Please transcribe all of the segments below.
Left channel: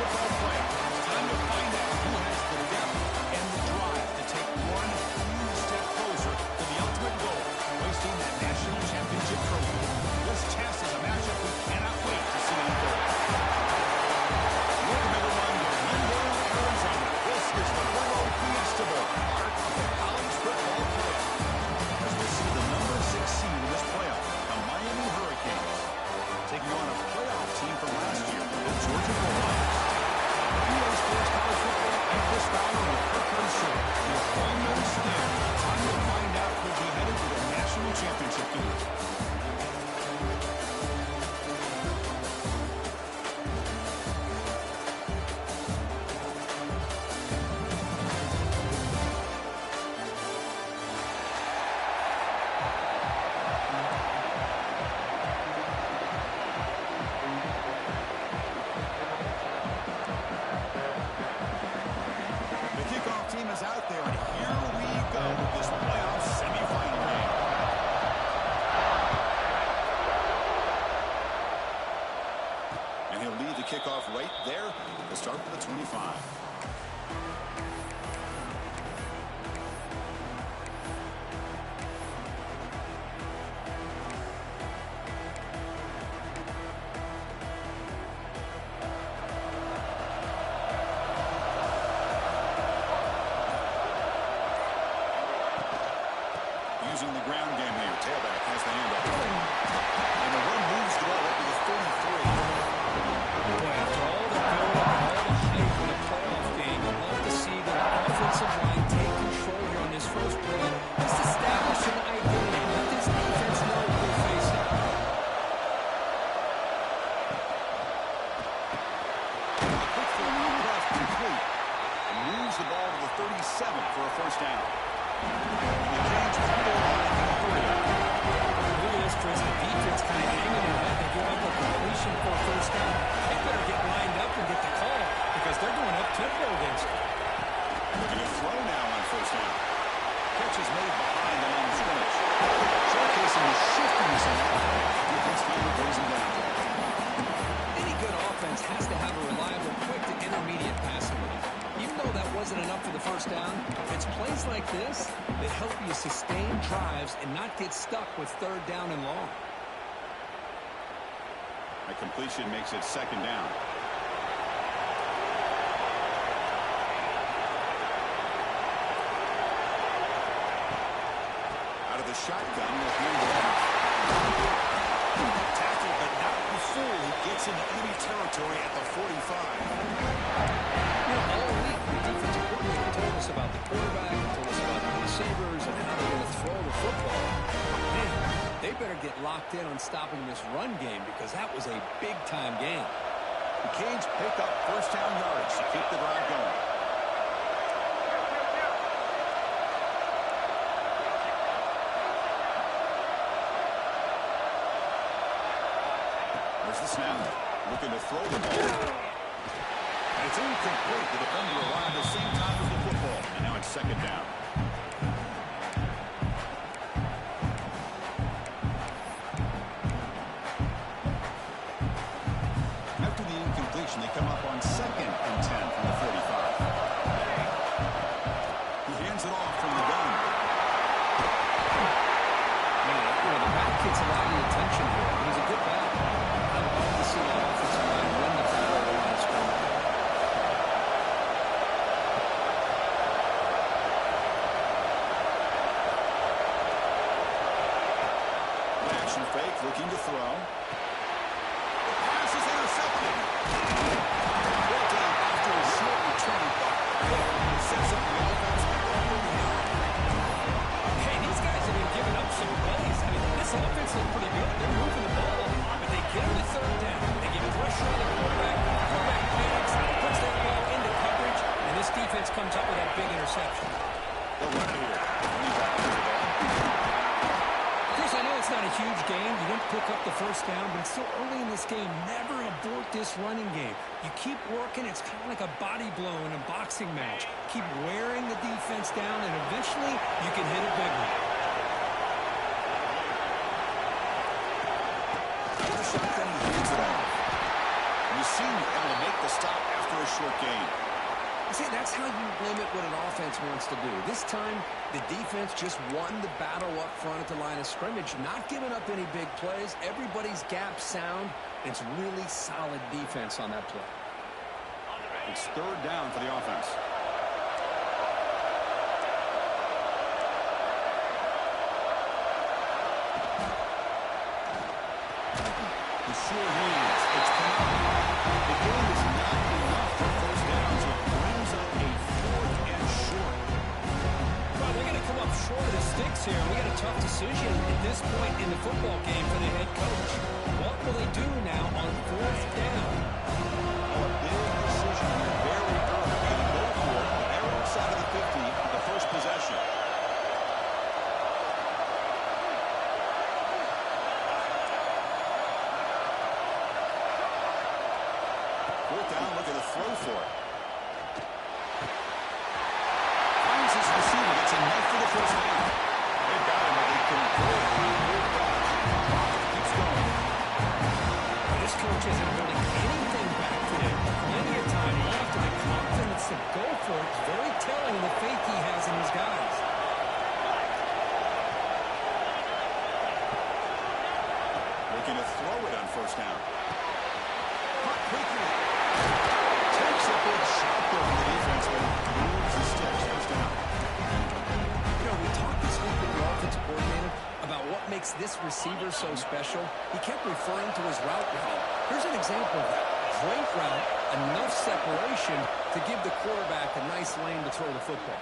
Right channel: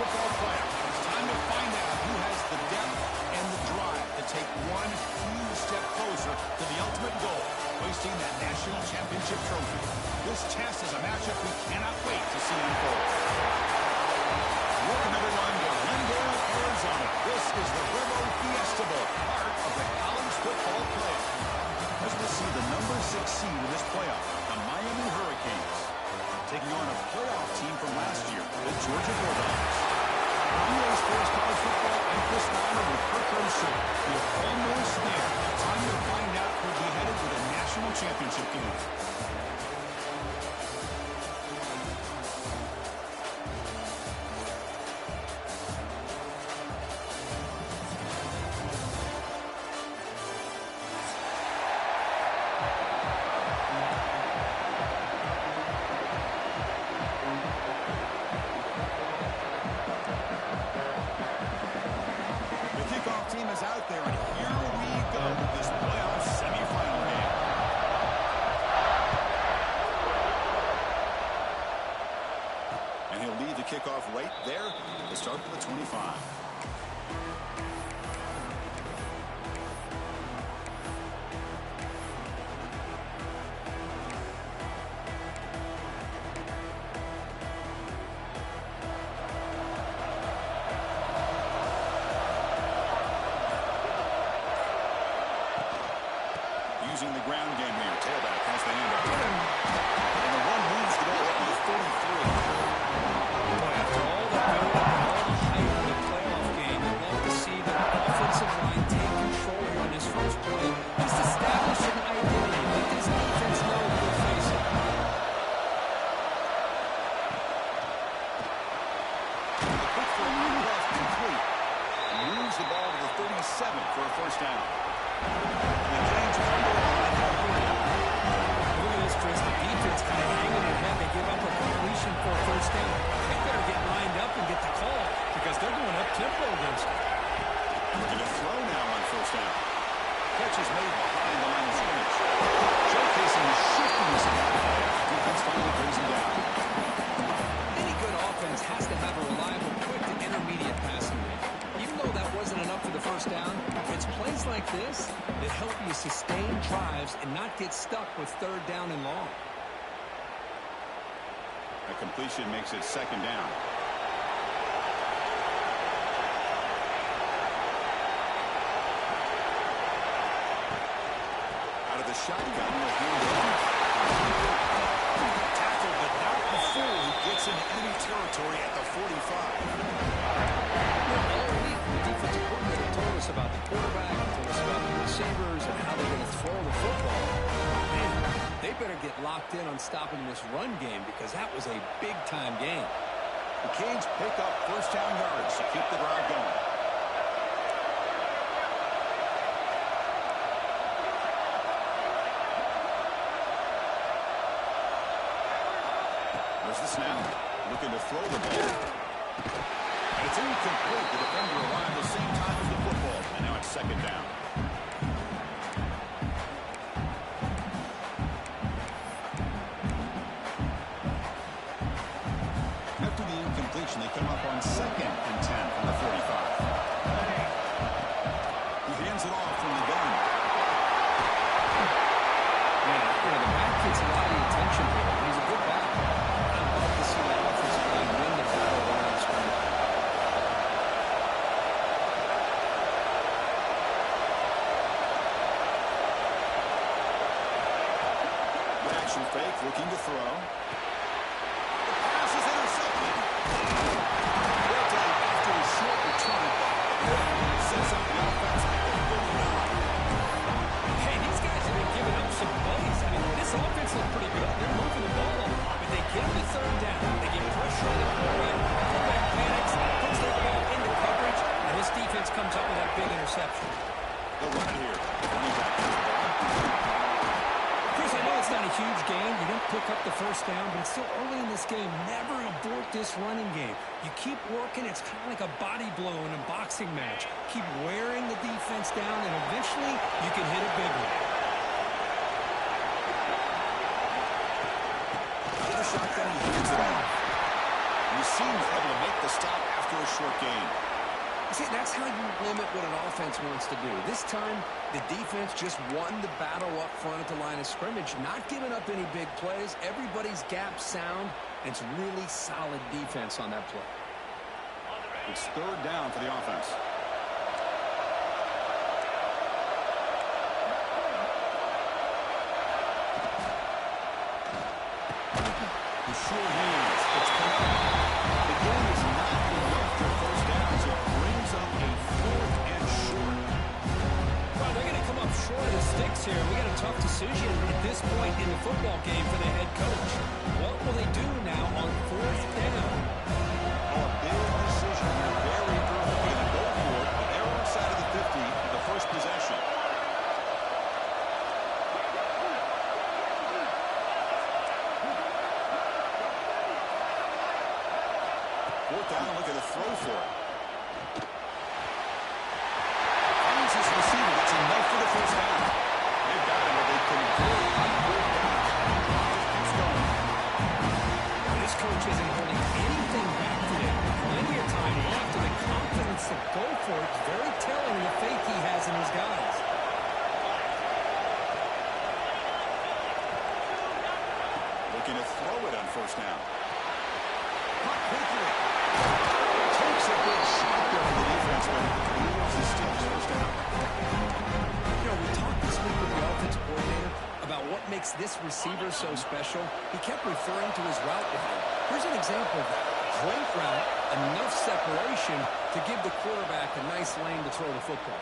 football playoff. It's time to find out who has the depth and the drive to take one huge step closer to the ultimate goal, hoisting that national championship trophy. This test is a matchup we cannot wait to see unfold. Welcome, everyone, to Glendale, Arizona. This is the Verbo Fiesta Bowl, part of the college football playoff. As we see the number 6 seed in this playoff, the Miami Hurricanes, taking on a playoff team from last year, the Georgia Bulldogs. For EA Sports College Football, I'm Chris Fowler with Kirk Herbstreit. We're almost there. Time to find out who'll be headed to the national championship game. Is out there, and here we go with this playoff semifinal game. And he'll lead the kickoff right there to start for the 25. Using the ground game here. Tailback has the handoff. And the run moves the ball up to the 33. Boy, after all the build-up and all the hype in a playoff game, you'd love to see the offensive line take control here on this first play. Just establish an identity. Let this defense know who they're facing. A quick throw out left complete. And moves the ball to the 37 for a first down. And the Canes come to the line in a hurry up. Look at this, Chris. The defense kind of hanging their head. They give up a completion for a first down. They better get lined up and get the call because they're going up-tempo against it. Looking to throw now on first down. Catch is made behind the line of scrimmage. Showcasing the shiftiness in that play. Defense finally brings him down. Any good offense has to have a reliable, quick to intermediate passing game. Even though that wasn't enough for the first down, it's plays like this that help you sustain drives and not get stuck with third down and long. That completion makes it second down. Out of the shotgun with him. Tackled, but not before he gets into enemy territory at the 45. All week, the defensive coordinator told us about the quarterback, told us about the receivers, and how they're going to throw the football. Man, they better get locked in on stopping this run game because that was a big-time game. The Canes pick up first down yards to keep the drive going. There's the snap. Looking to throw the ball. And it's incomplete. The defender arrived the same time as the football. And now it's second down. After the incompletion, they come up on 2nd and 10 from the 45. He hands it off from the gun. Man, the back gets a lot of the attention here. He's a good back. I'd love to see that offensive line win the battle of the line of scrimmage. Action fake, looking to throw. The pass is intercepted. Brought down after a short return, but it sets up the offense at the 39. Hey, these guys have been giving up some plays. I mean, this offense looks pretty good. They're moving the ball, but they get him to third down. They get pressure on the quarterback. Quarterback panics, puts their ball into coverage, and this defense comes up with that big interception. They'll run it here. Running back to the ball. Chris, I know it's not a huge gain. You didn't pick up the first down, but it's still early in this game. Never abort this running game. You keep working. It's kind of like a body blow in a boxing match. Keep wearing the defense down, and eventually you can hit a big one. Out of the shotgun, he hands it off. You seem able to make the stop after a short gain. See, that's how you limit what an offense wants to do. This time, the defense just won the battle up front at the line of scrimmage, not giving up any big plays. Everybody's gap sound, and it's really solid defense on that play. It's third down for the offense. The sure hands. It's Trent. The game is not enough for first down, so it brings up a fourth and short. Well, they're going to come up short of the sticks here. We got a tough decision at this point in the football game for the head coach. What will they do now on fourth down? Oh, a big decision here very early. They're going to go for it, but they're outside of the 50 on the first possession. Fourth down, look at the throw for it. Finds his receiver. That's enough for the first down. They've got him, but they convert on fourth down. Drive keeps going. Well, this coach isn't holding anything back today. Plenty of time left, and the confidence to go for it is very telling in the faith he has in his guys. Looking to throw it on first down. Caught quickly. Takes a big shot there from the defense, but moves the sticks. First down. You know, we talked this week with the offensive coordinator about what makes this receiver so special. He kept referring to his route running. Here's an example of that. Great route, enough separation to give the quarterback a nice lane to throw the football.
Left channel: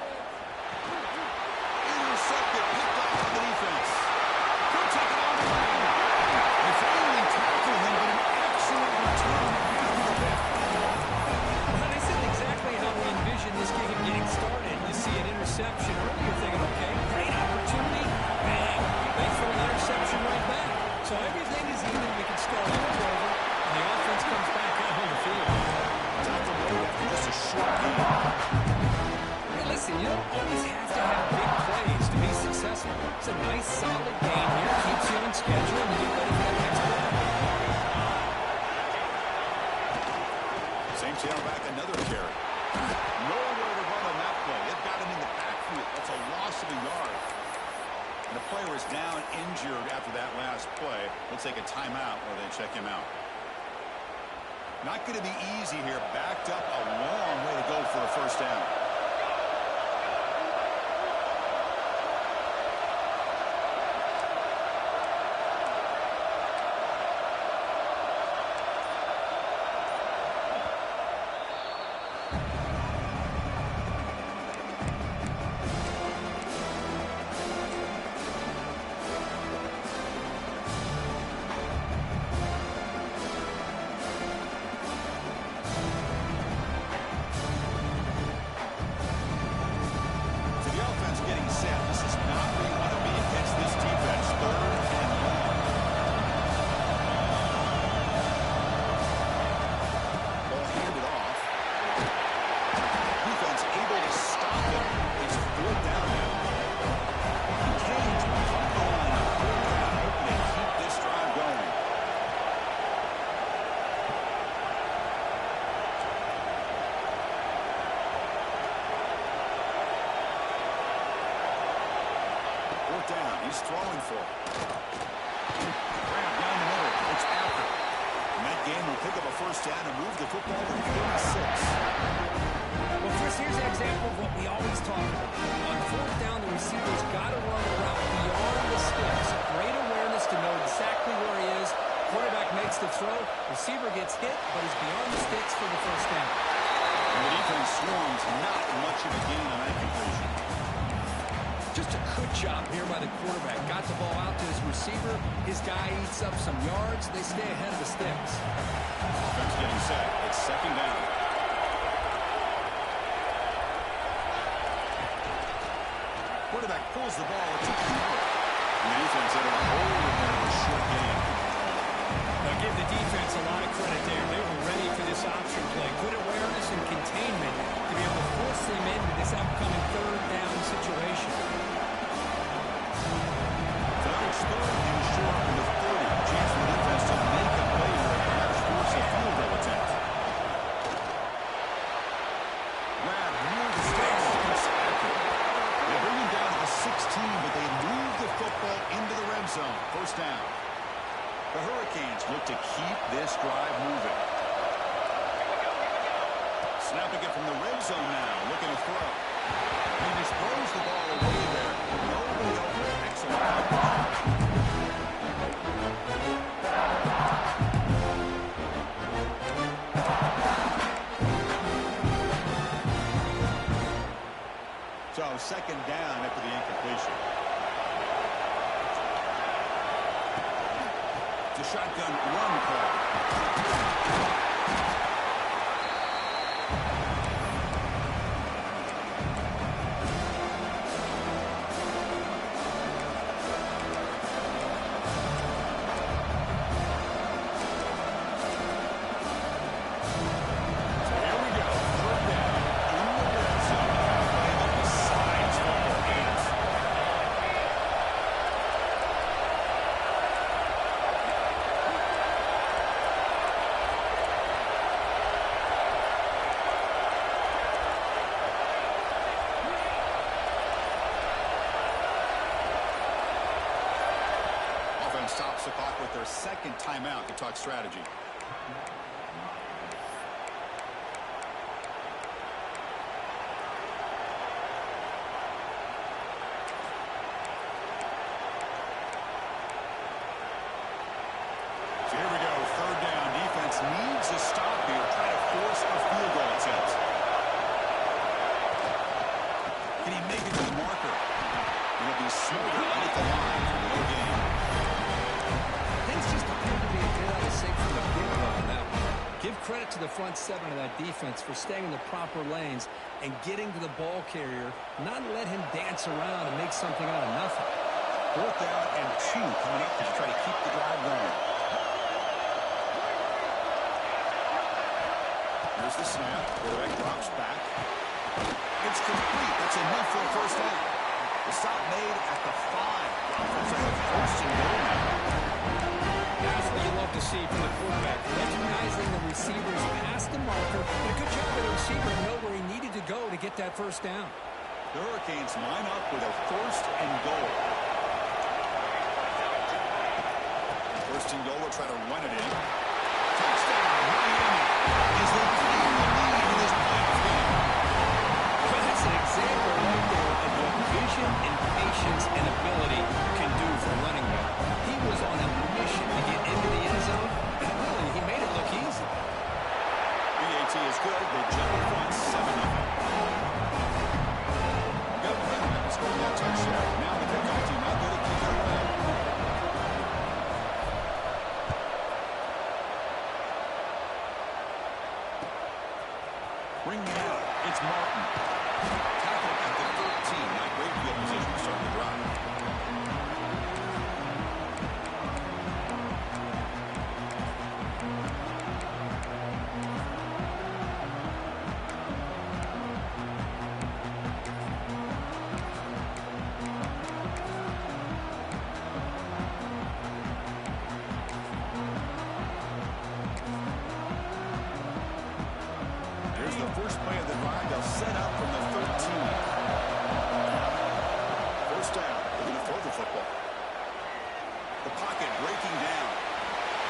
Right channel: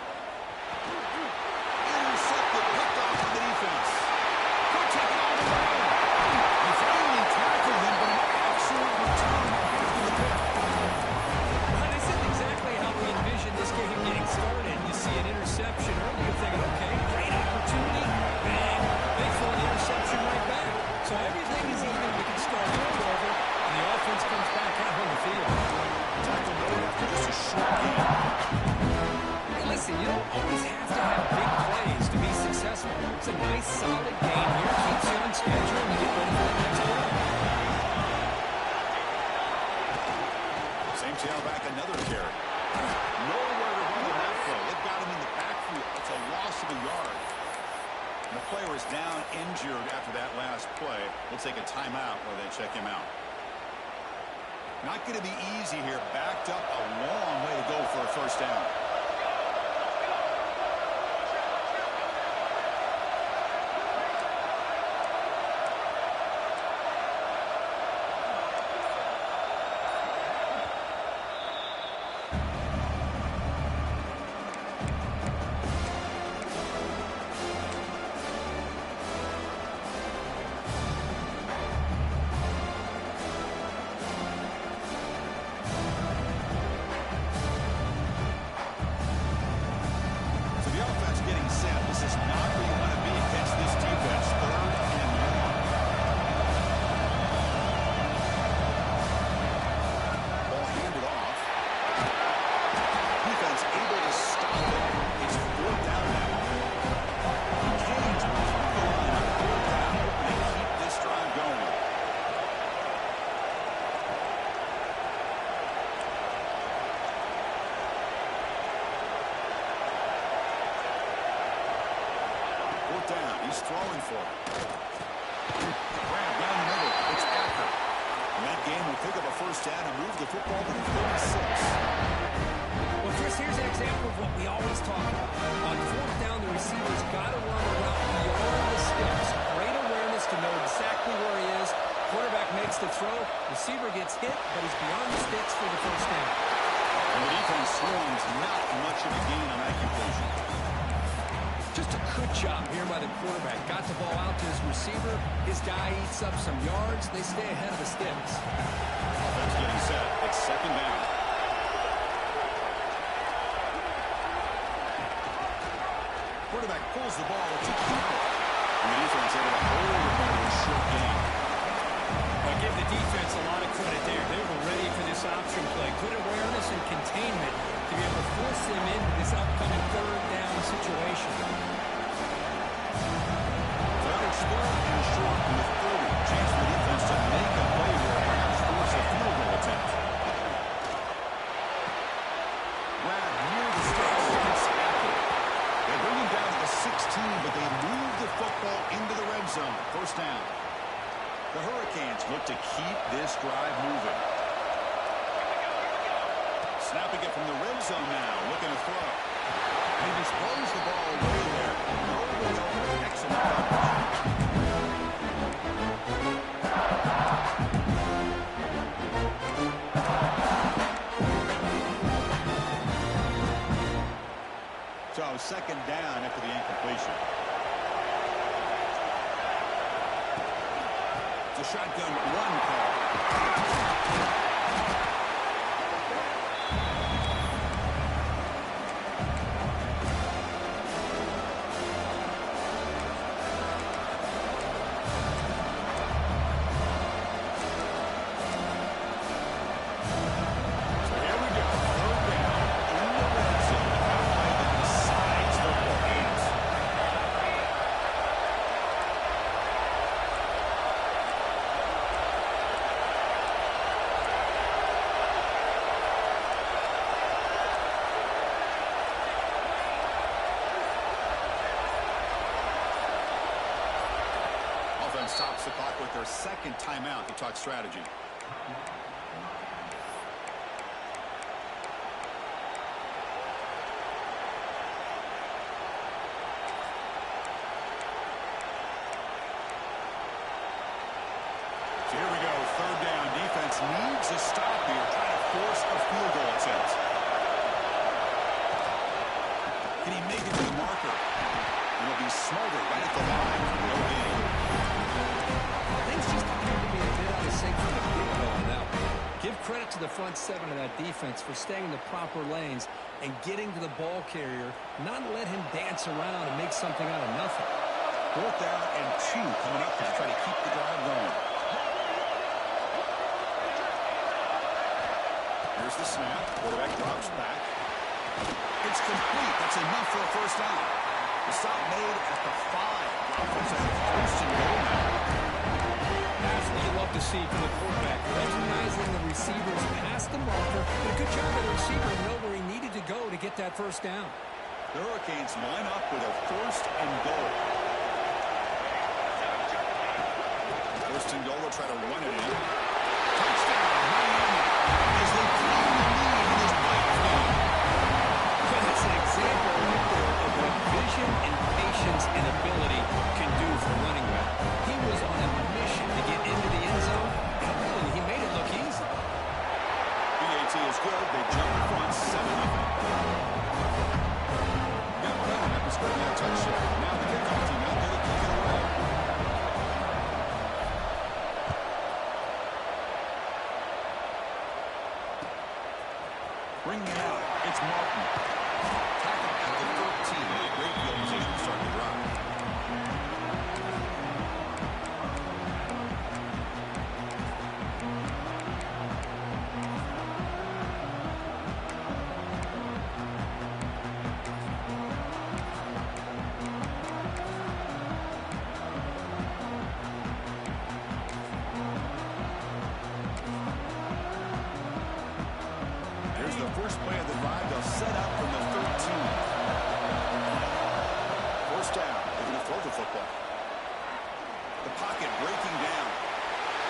Intercepted, picked off by the defense. Could take it all the way. They finally tackled him, but an excellent return after the pick. Well, this isn't exactly how we envisioned this game getting started. You see an interception early, you're thinking, okay, great opportunity. Bang. They throw an interception right back. So everything is even. We can start over, and the offense comes back out on the field. Tackle made after just a short game. Hey, listen, you don't always have to have big plays to be successful. It's a nice, solid game here. Keeps you on schedule and you get ready for that next play. Same tailback, another carry. Nowhere to run on that play. It got him in the backfield. That's a loss of a yard. And the player is down injured after that last play. We'll take a timeout while they check him out. Not going to be easy here. Backed up a long way to go for a first down. Getting set. This is not where you want to be against this defense. Third and long. Ball handed off. Defense able to stop it. It's fourth down now. Canes will come to the line on fourth down, hoping to keep this drive going. Fourth down. He's throwing for it. Grab down the middle. It's after. And that game will pick up a first down and move the football to 36. Well, Chris, here's an example of what we always talk about. On fourth down, the receiver's got to run a route beyond the sticks. Great awareness to know exactly where he is. Quarterback makes the throw. Receiver gets hit, but he's beyond the sticks for the first down. And the defense swarms. Not much of a gain on that completion. Just a good job here by the quarterback. Got the ball out to his receiver. His guy eats up some yards. They stay ahead of the sticks. Offense getting set. It's second down. Quarterback pulls the ball. It's a keeper. And the defense able to hold it there to a short gain. I'll give the defense a lot of credit there. They were ready for this option play. Good awareness and containment to be able to force them into this upcoming third down situation. So now it's third and short from the 30. Chance for the defense to make a play here, perhaps force a field goal attempt. this drive moving. Snapping it from the red zone now, looking to throw. He disposed the ball away there. Nobody open. Excellent coverage. So second down after the incompletion. It's a shotgun run call. Offense stops the clock with their second timeout to talk strategy. So here we go, third down. Defense needs a stop here, trying to force a field goal attempt. Can he make it to the marker? It'll be smoldered right at the line for no gain. Things just appear to be a bit out of sync from the big blow on that one. Give credit to the front seven of that defense for staying in the proper lanes and getting to the ball carrier, not let him dance around and make something out of nothing. Fourth down and 2 coming up to try to keep the drive going. Here's the snap. Quarterback drops back. It's complete. That's enough for a first down. The stop made at the 5. The offense has a first and goal now. That's what you love to see from the quarterback. Recognizing the receivers past the marker. Did a good job of the receiver to know where he needed to go to get that first down. The Hurricanes line up with a first and goal. First and goal, they'll try to run it in. Touchdown, Miami, as they claim the lead in this playoff game. Well, that's an example right there of what vision and patience and ability can do for a running back. He was on a mission to get into the end zone, and really, he made it look easy. BAT is good. They jump in front, 7-0. Got momentum after scoring that touchdown. Now the kickoff team out there to kick it away. Bringing it out, it's Martin. Tackled at the 13. Now great field position to start the drive. The first play of the drive, they'll set up from the 13. First down, they're going to throw the football. The pocket breaking down.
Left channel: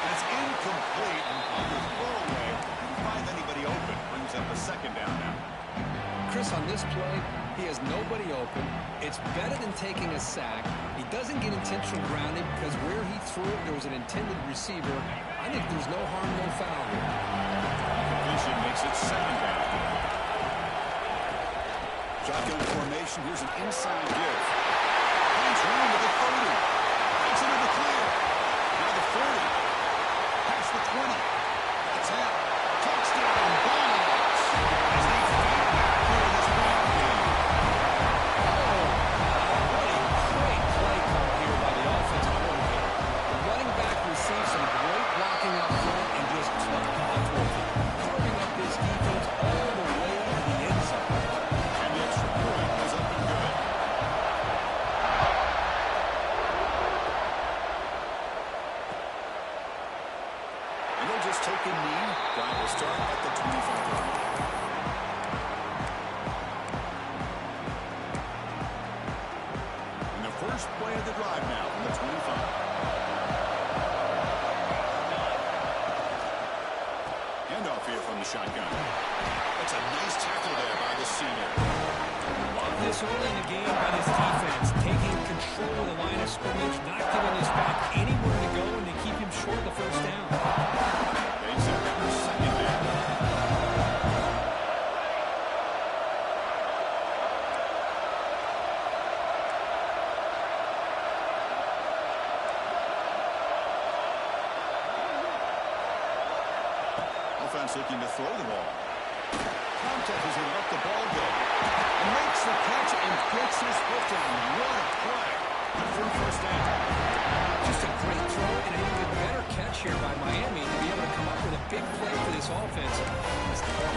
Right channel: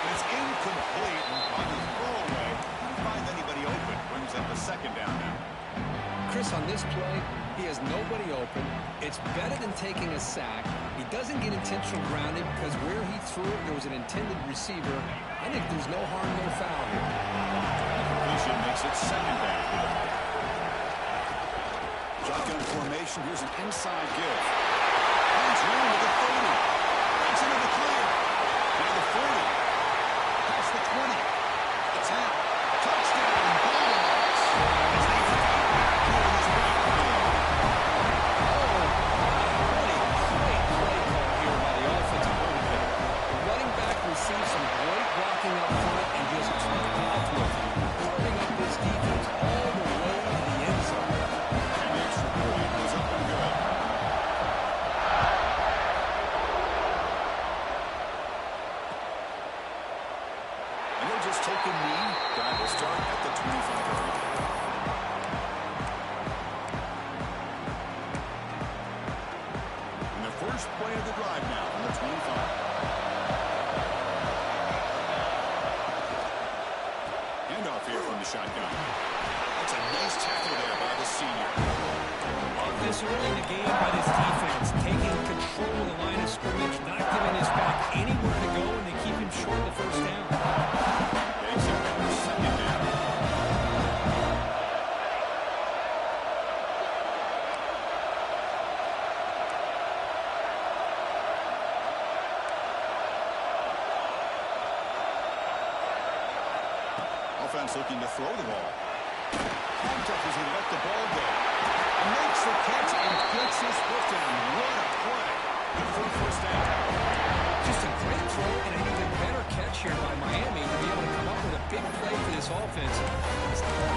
And it's incomplete on the throwaway. Didn't find anybody open. Brings up a second down now. Chris, on this play, he has nobody open. It's better than taking a sack. He doesn't get intentional grounding because where he threw it, there was an intended receiver. I think there's no harm, no foul here. Completion makes it second down. Shotgun formation. Here's an inside give. Finds room with the 30. Breaks into the clear. Now the 40. Past the 20. The 10. Touchdown, Bulldogs. As they fight back here in this playoff game. Oh, what a great play call here by the offensive coordinator. The running back received some great blocking up front and just took off with it, carving up this defense all the way to the end zone. And the extra point was up and good. And they'll just take a knee. Drive will start at the 25-yard line. And the first play of the drive now from the 25. from the shotgun. That's a nice tackle there by the senior. Love this early in the game by this defense, taking control of the line of scrimmage, not giving his back anywhere to go, and they keep him short of the first down. They set up their second down. Offense looking to throw the ball. Contact as he let the ball go. And makes the catch and gets his foot down. What a play. Good for a first down. Just a great throw and an even better catch here by Miami to be able to come up with a big play for this offense. Oh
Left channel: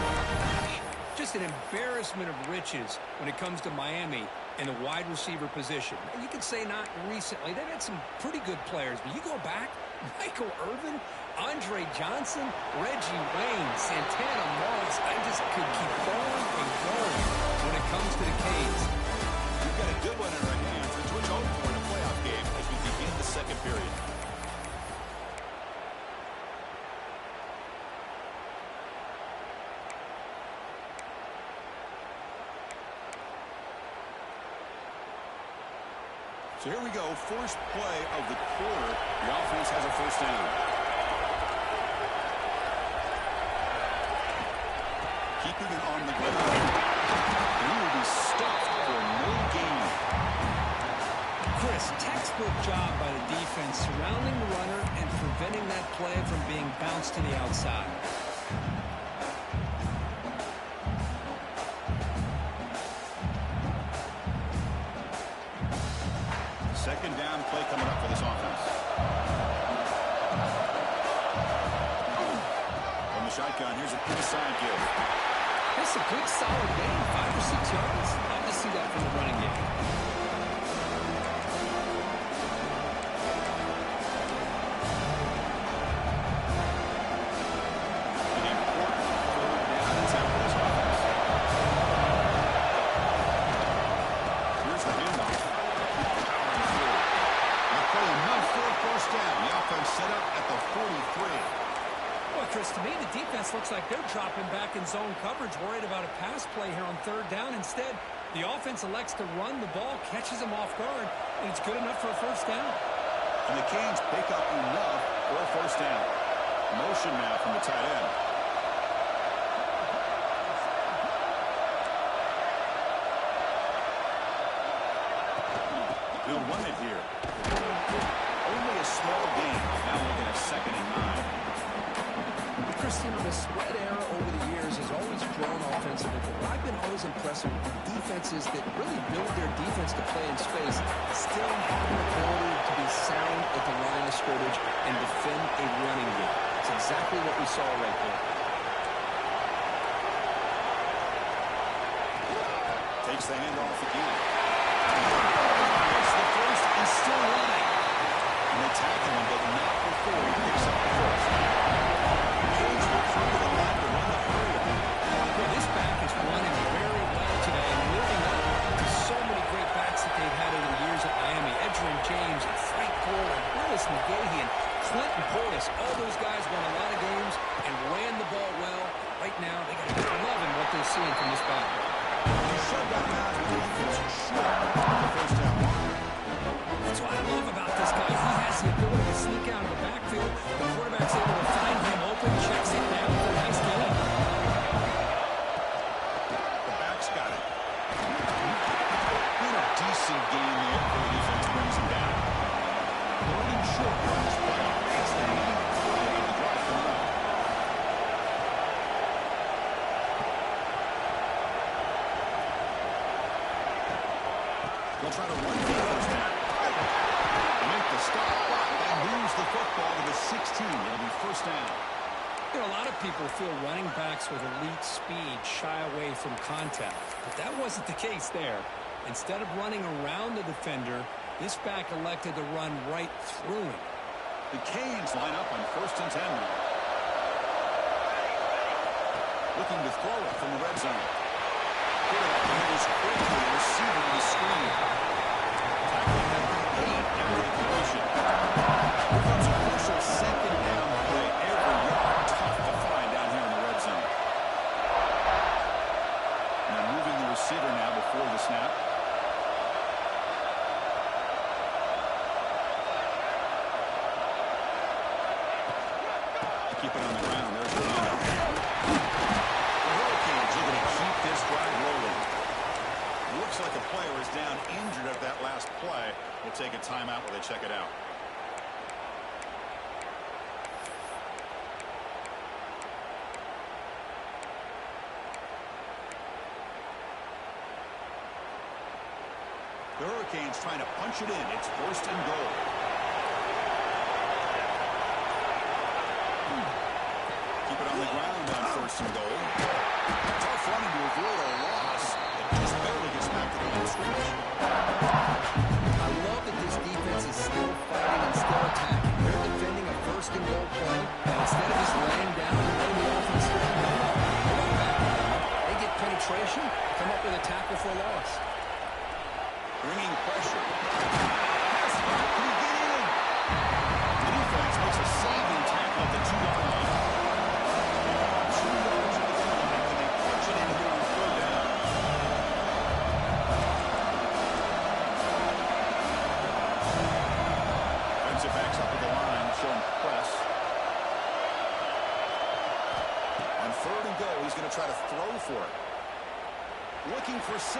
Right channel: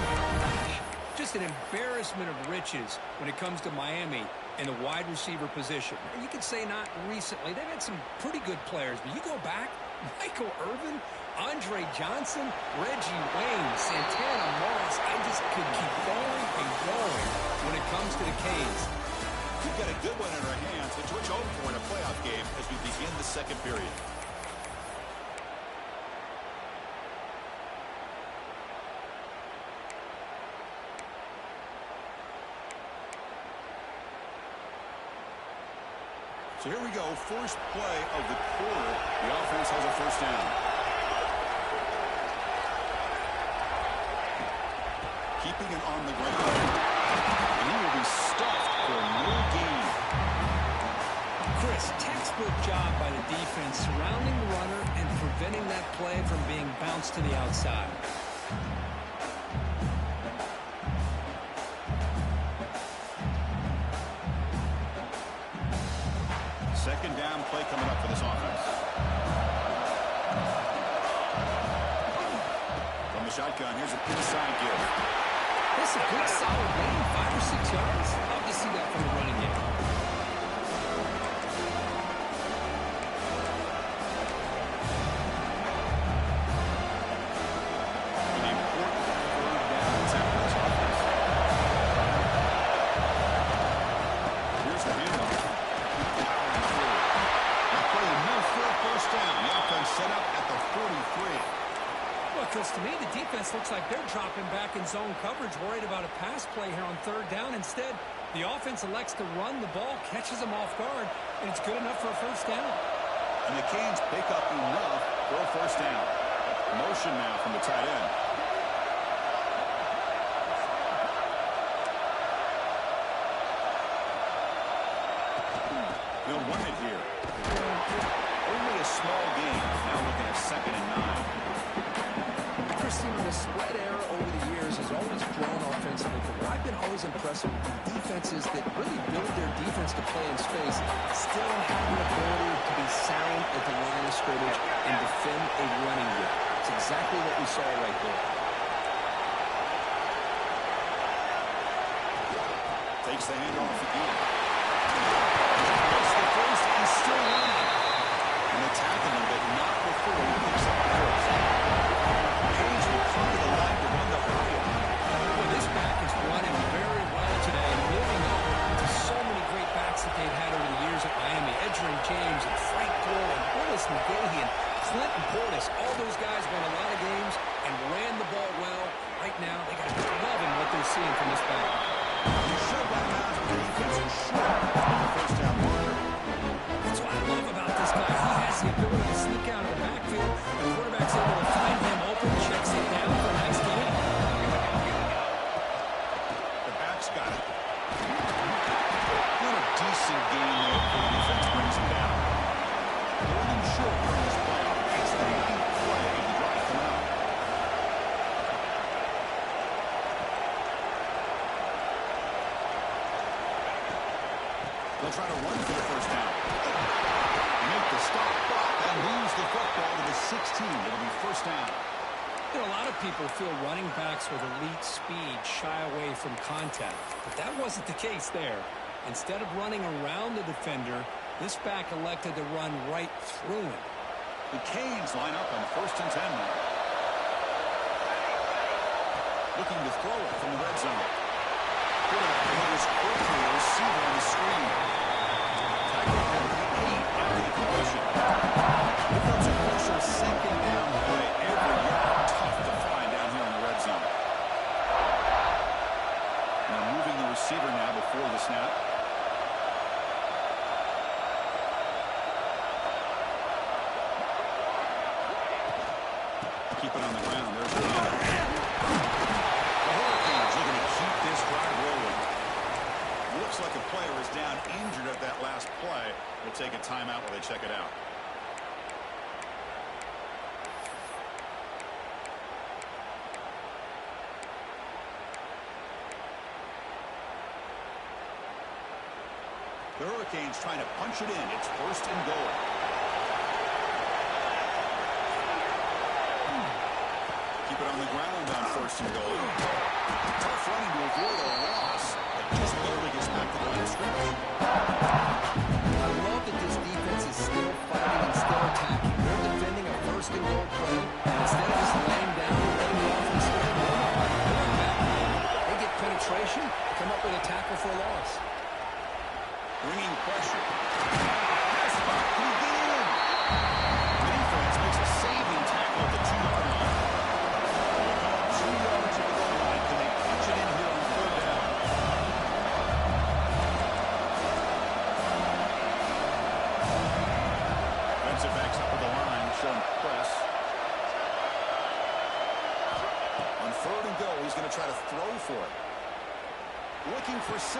my gosh. Just an embarrassment of riches when it comes to Miami and the wide receiver position. You could say not recently. They've had some pretty good players, but you go back, Michael Irvin, Andre Johnson, Reggie Wayne, Santana Moss. I just could keep going and going when it comes to the Canes. We've got a good one in our hands, which we're hoping for in a playoff game as we begin the second period. So here we go, first play of the quarter. The offense has a first down. Keeping it on the ground. And he will be stuffed for no gain. Chris, textbook job by the defense surrounding the runner and preventing that play from being bounced to the outside. Second down play coming up for this offense. From the shotgun, here's an inside give. It's a good, solid gain, 5 or 6 yards. Love to see that from the running game. An important third down attempt for this offense. Here's the handoff. Powering through. That play enough for a first down. The offense set up at the 43. Well, Chris, to me, the defense looks like they're dropping back in zone coverage, worried about a pass play here on third down. Instead, the offense elects to run the ball, catches them off guard, and it's good enough for a first down. And the Canes pick up enough for a first down. Motion now from the tight end. They'll run it here. Only a small gain. Now looking at 2nd and 9. Christine, the spread era over the years has always grown offensively, but what I've been always impressed with defenses that really build their defense to play in space still have an ability to be sound at the line of scrimmage and defend a running game. It's exactly what we saw right there. Takes the handoff again. Gets the first and still running. And they tackle him, but not before he picks up the first. Canes will come to the line to run the hurry up. Well, this back is running very well today and living up to so many great backs that they've had over the years at Miami. Edgerrin James and Frank Gore and Willis McGahee and Clinton Portis. All those guys won a lot of games and ran the ball well. Right now, they got to be loving what they're seeing from this back. You shut down out with the defense short of the first down marker. That's what I love about this guy. He has the ability to sneak out of the backfield. The quarterback's able to find him open, checks it down for a nice gain. The back's got it. Not a decent gain there before the defense brings him down. 3rd and short here in this playoff. That's the 9th play of the drive coming up. They'll try to run for the first down. Make the stop, but that moves the football to the 16. It'll be first down. You know, a lot of people feel running backs with elite speed shy away from contact, but that wasn't the case there. Instead of running around the defender, this back elected to run right through him. The Canes line up on 1st and 10 now. Looking to throw it from the red zone. Quarterback delivers quickly, the receiver on the screen. Tackling at the 8 after the completion. Here comes a crucial 2nd down play. Every yard tough to find down here in the red zone. receiver now before the snap. Keep it on the ground. There's the handoff. The Hurricanes looking to keep this drive rolling. Looks like a player is down injured at that last play. We'll take a timeout while they check it out. The Hurricanes trying to punch it in. It's 1st and goal. Keep it on the ground on 1st and goal. Tough running to avoid a loss. It just barely gets back to the line of scrimmage. I love that this defense is still fighting and still attacking. They're defending a 1st and goal play, and instead of just laying down and letting the offense score, they're not backing down. They get penetration, come up with a tackle for a loss. Bringing pressure. Pass back. Can he get in? The defense makes a saving tackle at the 2-yard line. They come up 2 yards at the goal line. Can they punch it in here on 3rd down? Defensive backs up at the line, showing press. On 3rd and goal, he's going to try to throw for it. Looking for 6.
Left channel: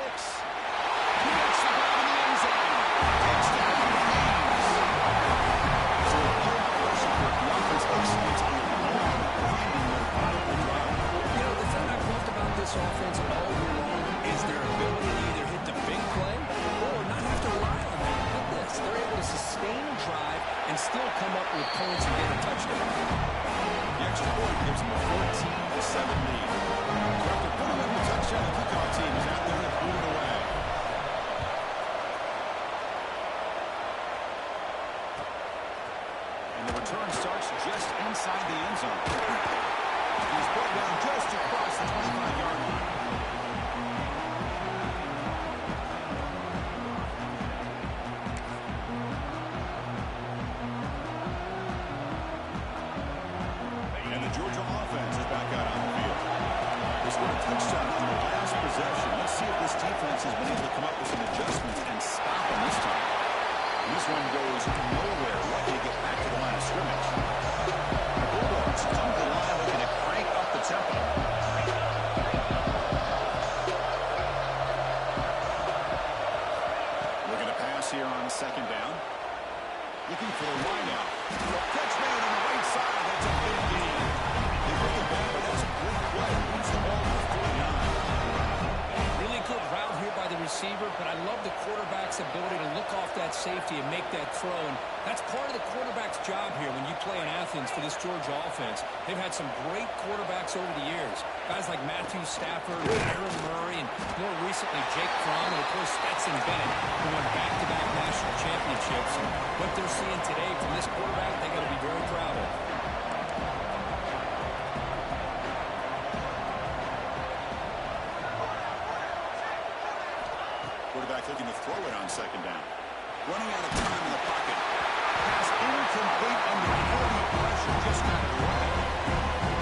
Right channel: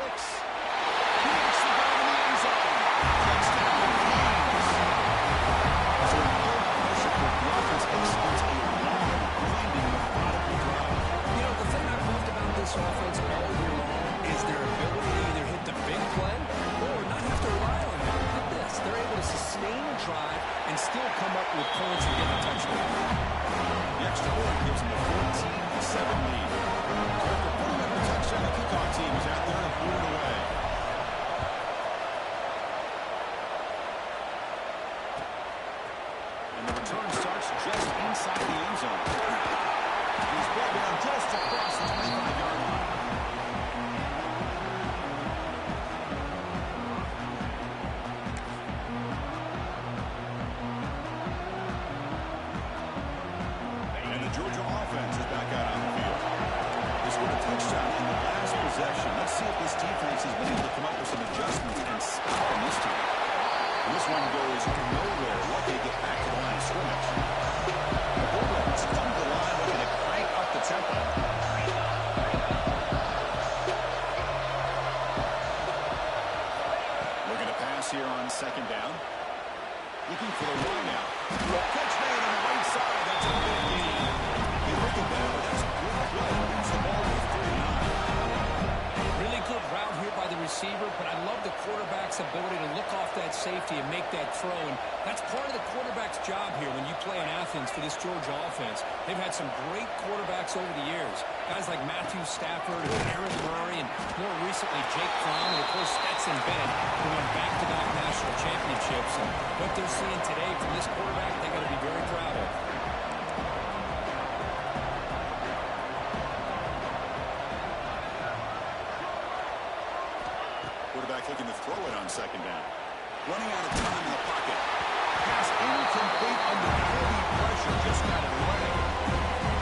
He makes the grab in the end zone. Touchdown, Canes. So a blowout pressure for the offense executes a long, grinding, methodical drive. You know, the thing I've loved about this offense all year long is their ability to either hit the big play or not have to rely on that. Look at this. They're able to sustain a drive and still come up with points and get a touchdown. The extra point gives them a 14-7 lead. So after putting up the touchdown, the kickoff team is out there and blew it away. And the return starts just inside the end zone. He's brought down just across the 25-yard line. And the Georgia offense is back out on the field. They scored a touchdown on the last possession. Let's see if this defense has been able to come up with some adjustments and stop them this time. And this one goes nowhere. Lucky to get back to the line of scrimmage. The Bulldogs come to the line looking to crank up the tempo. Looking to pass here on 2nd down. Looking for the line out. Catch made on the right side. That's a big gain. They break it down, but that's a good play. Moves the ball to 49. Really good route here by the receiver, but I love the quarterback's ability to look off that safety and make that throw. And that's part of the quarterback's job here when you play in Athens for this Georgia offense. They've had some great quarterbacks over the years. Guys like Matthew Stafford, Aaron Murray, and more recently Jake Fromm, and of course Stetson Bennett, who won back-to-back national championships. And what they're seeing today from this quarterback, they got to be very proud of. Quarterback looking to throw it on 2nd down. Running out of time in the pocket. Pass incomplete under heavy pressure. Just got it away.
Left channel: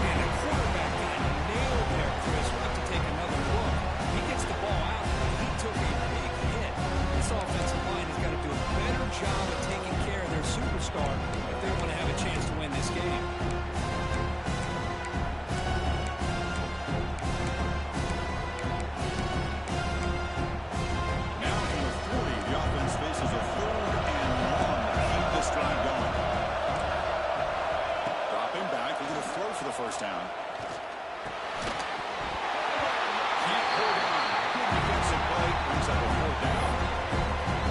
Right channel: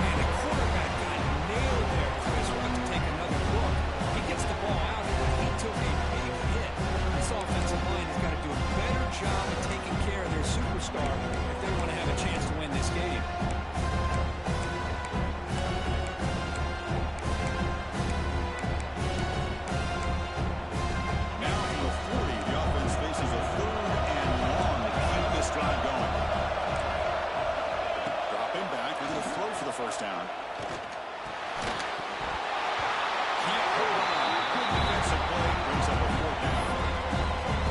Man, the quarterback got nailed there, Chris. We'll have to take another look. He gets the ball out, but he took a big hit. This offensive line has got to do a better job of taking care of their superstar if they want to have a chance to win this game. Faces a 3rd and long to keep this drive going. Dropping back, we're going to throw for the 1st down. Can't hold on. Good defensive play, brings up a 4th down.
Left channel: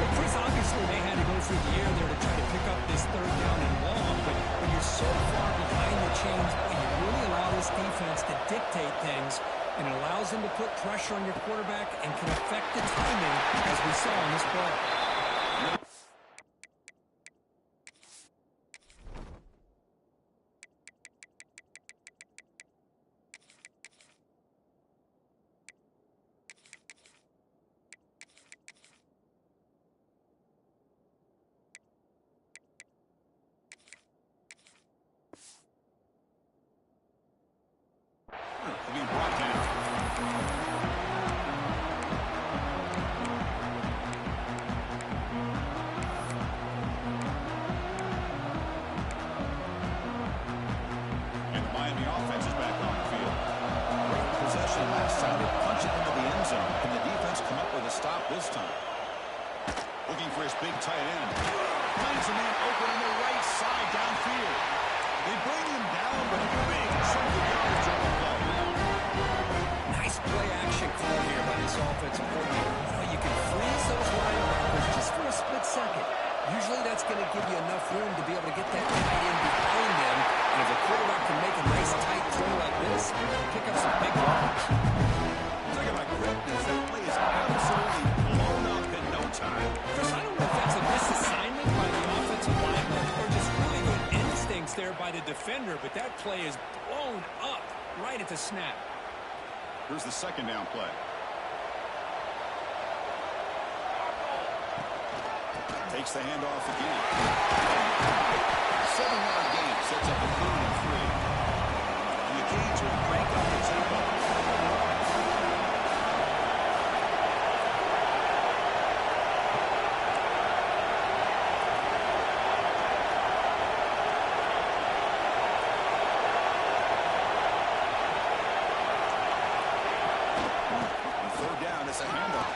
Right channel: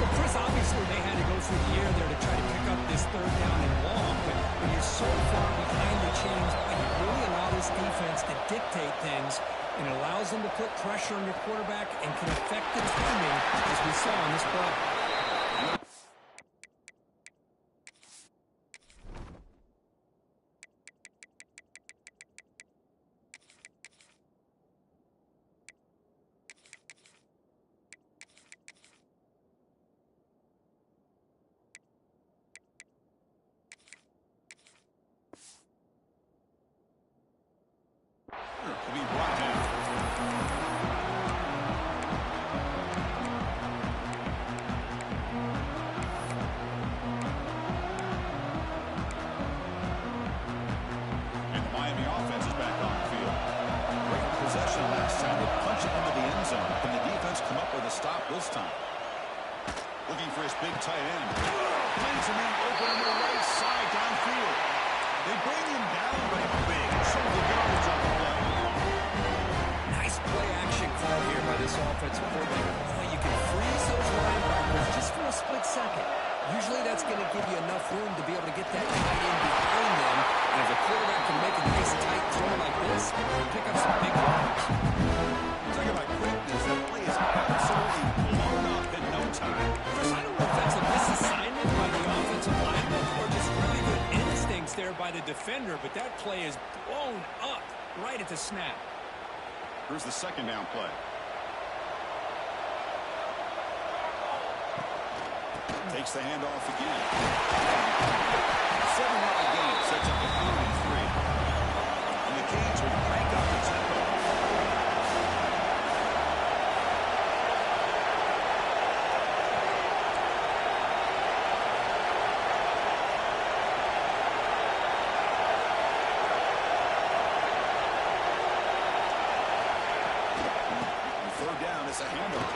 Well, Chris, obviously they had to go through the air there to try to pick up this 3rd down and long, but when you're so far behind the chains, boy, you really allow this defense to dictate things, and it allows them to put pressure on your quarterback and can affect the timing, as we saw on this play. To be brought down. time they punch it into the end zone. Can the defense come up with a stop this time? Looking for his big tight end. Finds a man open on the right side downfield. They bring him down, but a big chunk of yards on the play. Nice play-action call here by this offensive coordinator. You know, you can freeze those linebackers just for a split second. Usually that's going to give you enough room to be able to get that tight end behind them. And if the quarterback can make a nice tight throw like this, pick up some big yards. Talk about quickness. That play is absolutely blown up in no time. Chris, I don't know if that's a misassignment by the offensive lineman or just really good instincts there by the defender, but that play is blown up right at the snap. Here's the second down play. Takes the handoff again. 7-yard gain sets up the 3rd and 3. And the Canes will crank up the tempo. It's a handoff.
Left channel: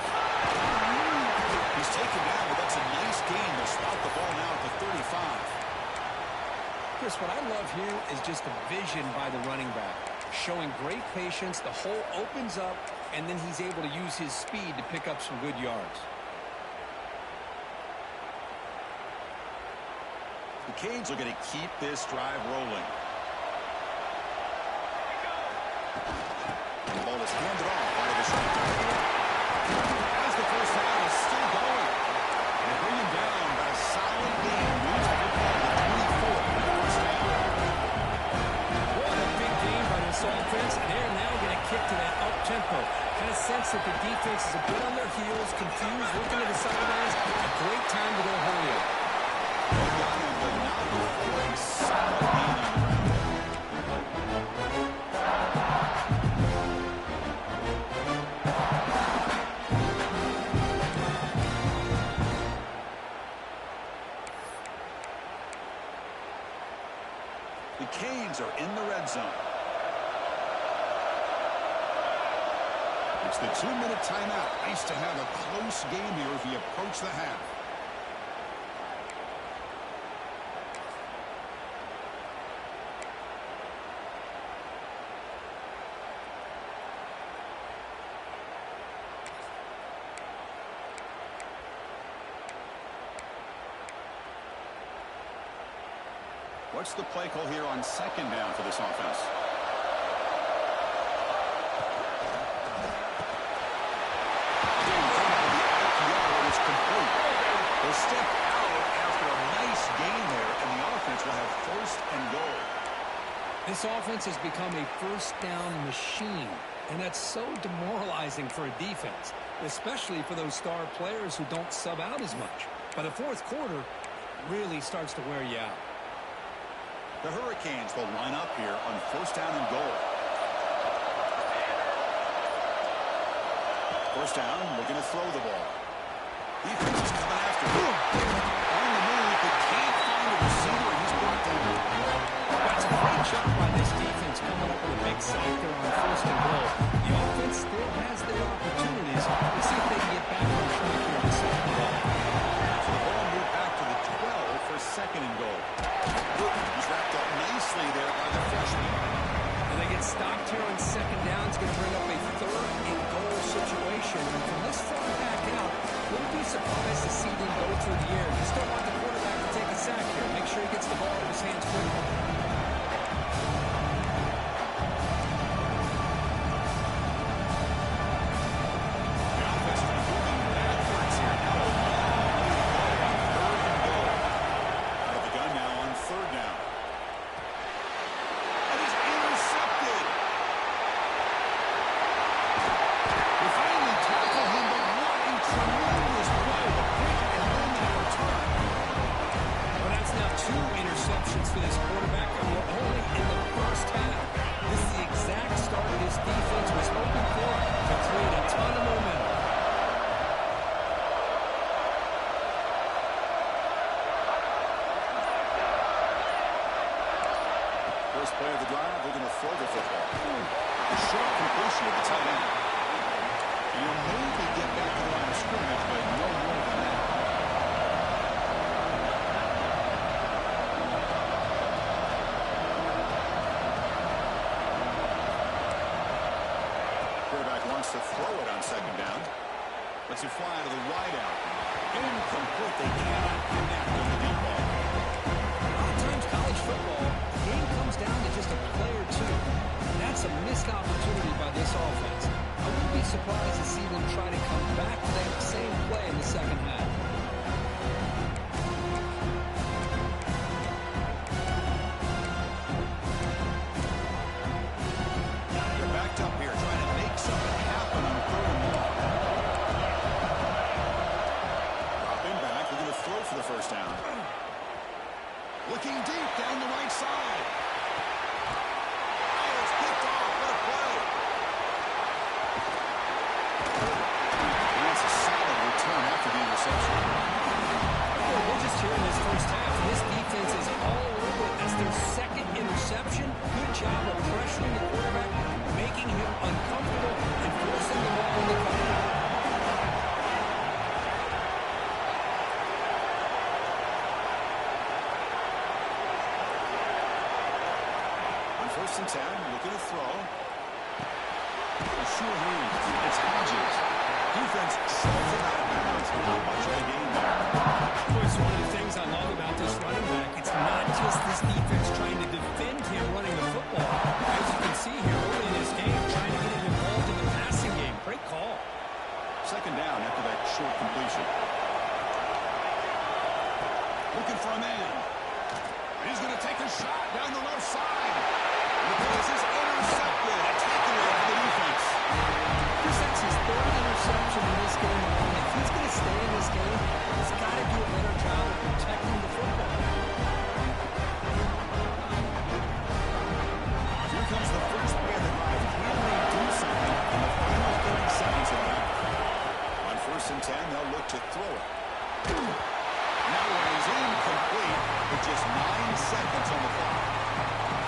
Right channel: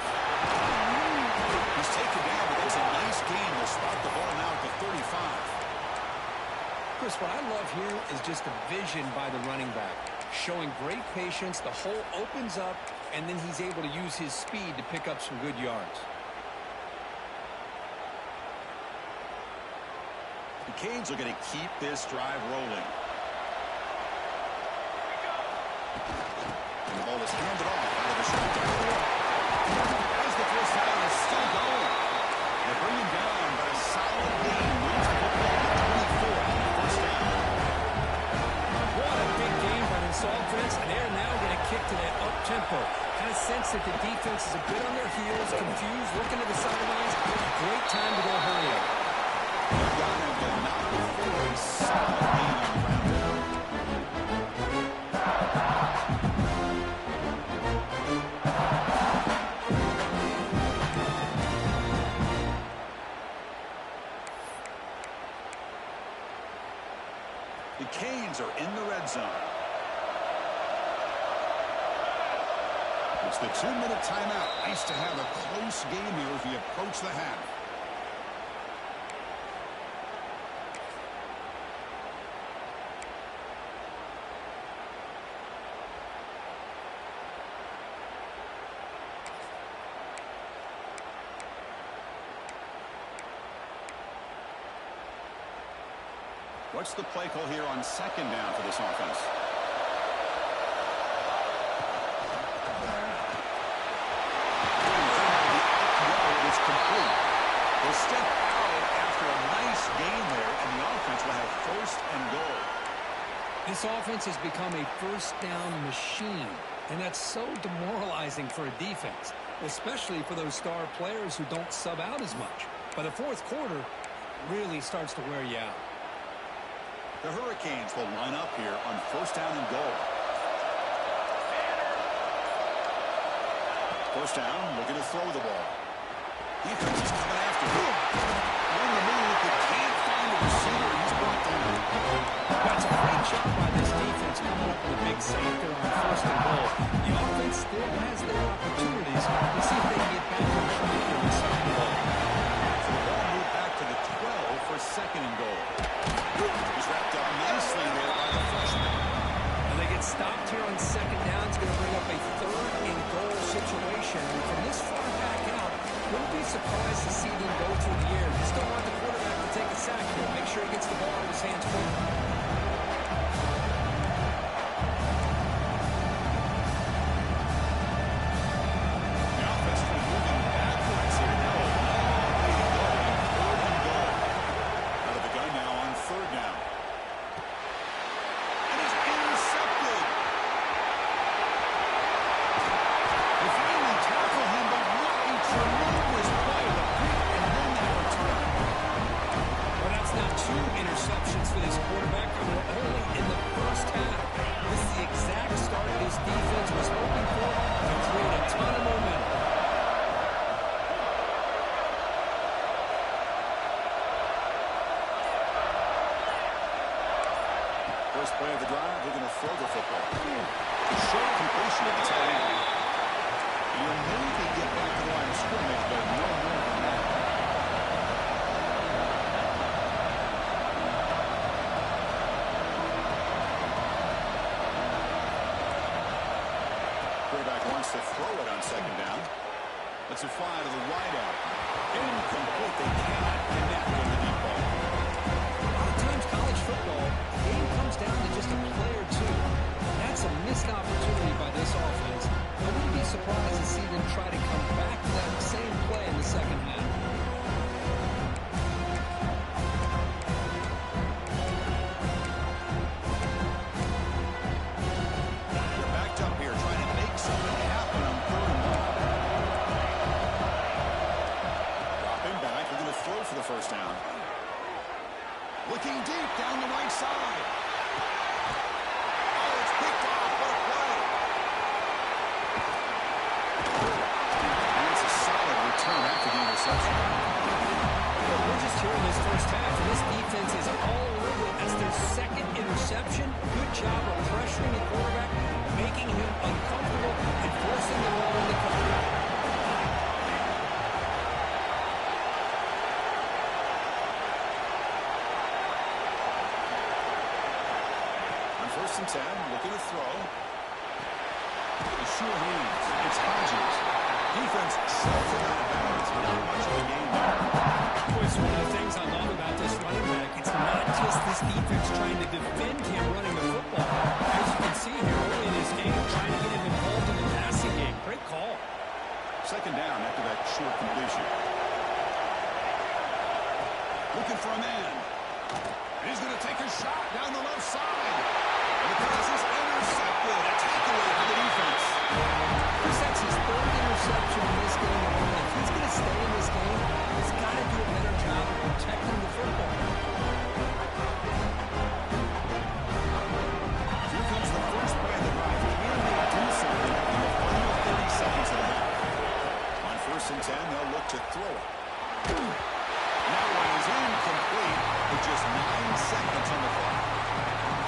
He's taken down, but that's a nice gain. They'll spot the ball now at the 35. Chris, what I love here is just the vision by the running back. Showing great patience, the hole opens up, and then he's able to use his speed to pick up some good yards. The Canes are going to keep this drive rolling. And the ball is handed off out of the shotgun. As the first down is still going. They bring him down, but a solid gain moves the football to 24 on the first down. What a big game by this offense, and they're now going to kick to that up-tempo. Kind of sense that the defense is a bit on their heels, confused, looking to the sidelines. A great time to go hurry up. They got him, but not before a solid gain on the ground there. The Canes are in the red zone. It's the 2-minute timeout. Nice to have a close game here as we approach the half. What's the play call here on second down for this offense? It's complete. They'll step out after a nice gain there, and the offense will have 1st and goal. This offense has become a first-down machine, and that's so demoralizing for a defense, especially for those star players who don't sub out as much. By the 4th quarter, it really starts to wear you out. The Hurricanes will line up here on 1st down and goal. 1st down, looking to throw the ball. Defense is coming after him. On the move, but can't find a receiver, and he's brought down. That's a great job by this defense coming up with a big sack there on 1st and goal. The offense still has their opportunities. Let's see if they can get back on track here on 2nd and goal. So the ball moved back to the 12 for 2nd and goal. He's wrapped up nicely there by the freshman. And they get stopped here on 2nd down. It's going to bring up a 3rd and goal situation. And from this far back out, wouldn't be surprised to see them go through the air. Just don't want the quarterback to take a sack here. Make sure he gets the ball out of his hands quickly. The offense has been moving backwards here. Now a long way to go on 3rd and goal. Out of the gun now on 3rd down. And he's intercepted. They finally tackle him, but what a tremendous play. The pick and then that return. Well, that's now 2 interceptions for this quarterback, and we're only in the first half. This is the exact start this defense was hoping for to create a ton of momentum. First play of the drive, we're going to throw the football. A short completion at the tight end. You'll maybe get back to the line of scrimmage, but no more than that. Quarterback wants to throw it on second down. Lets it fly to the wideout. Incomplete. They cannot connect on the deep ball. A lot of times college football, the game comes down to just a play or two. And that's a missed opportunity by this offense. I wouldn't be surprised to see them try to come back to that same play in the second half. They're backed up here trying to make something happen on 3rd and long. Dropping back. They're going to throw for the first down. Looking deep down the right side. Oh, it's picked off. What a play. And that's a solid return after the interception. Well, we're just here in this first half, and this defense is all over it. That's their second interception. Good job of pressuring the quarterback, making him uncomfortable, and forcing the ball into coverage. On 1st and 10, looking to throw. The sure hands. It's Hodges. Defense shoves him out of bounds. Not much of a game there. Boy, it's one of the things I love about this running back. It's not just this defense trying to defend him running the football. As you can see here early in this game, trying to get him involved in the passing game. Great call. Second down after that short completion. Looking for a man. He's going to take a shot down the left side. And the pass is intercepted. A takeaway for the defense. Chris, that's his 3rd interception in this game alone. If he's going to stay in this game, he's got to do a better job of protecting the football. Here comes the first play of the drive. Can they do something in the final 30 seconds of the half? On 1st and 10, they'll look to throw it. And that one is incomplete with just 9 seconds on the clock.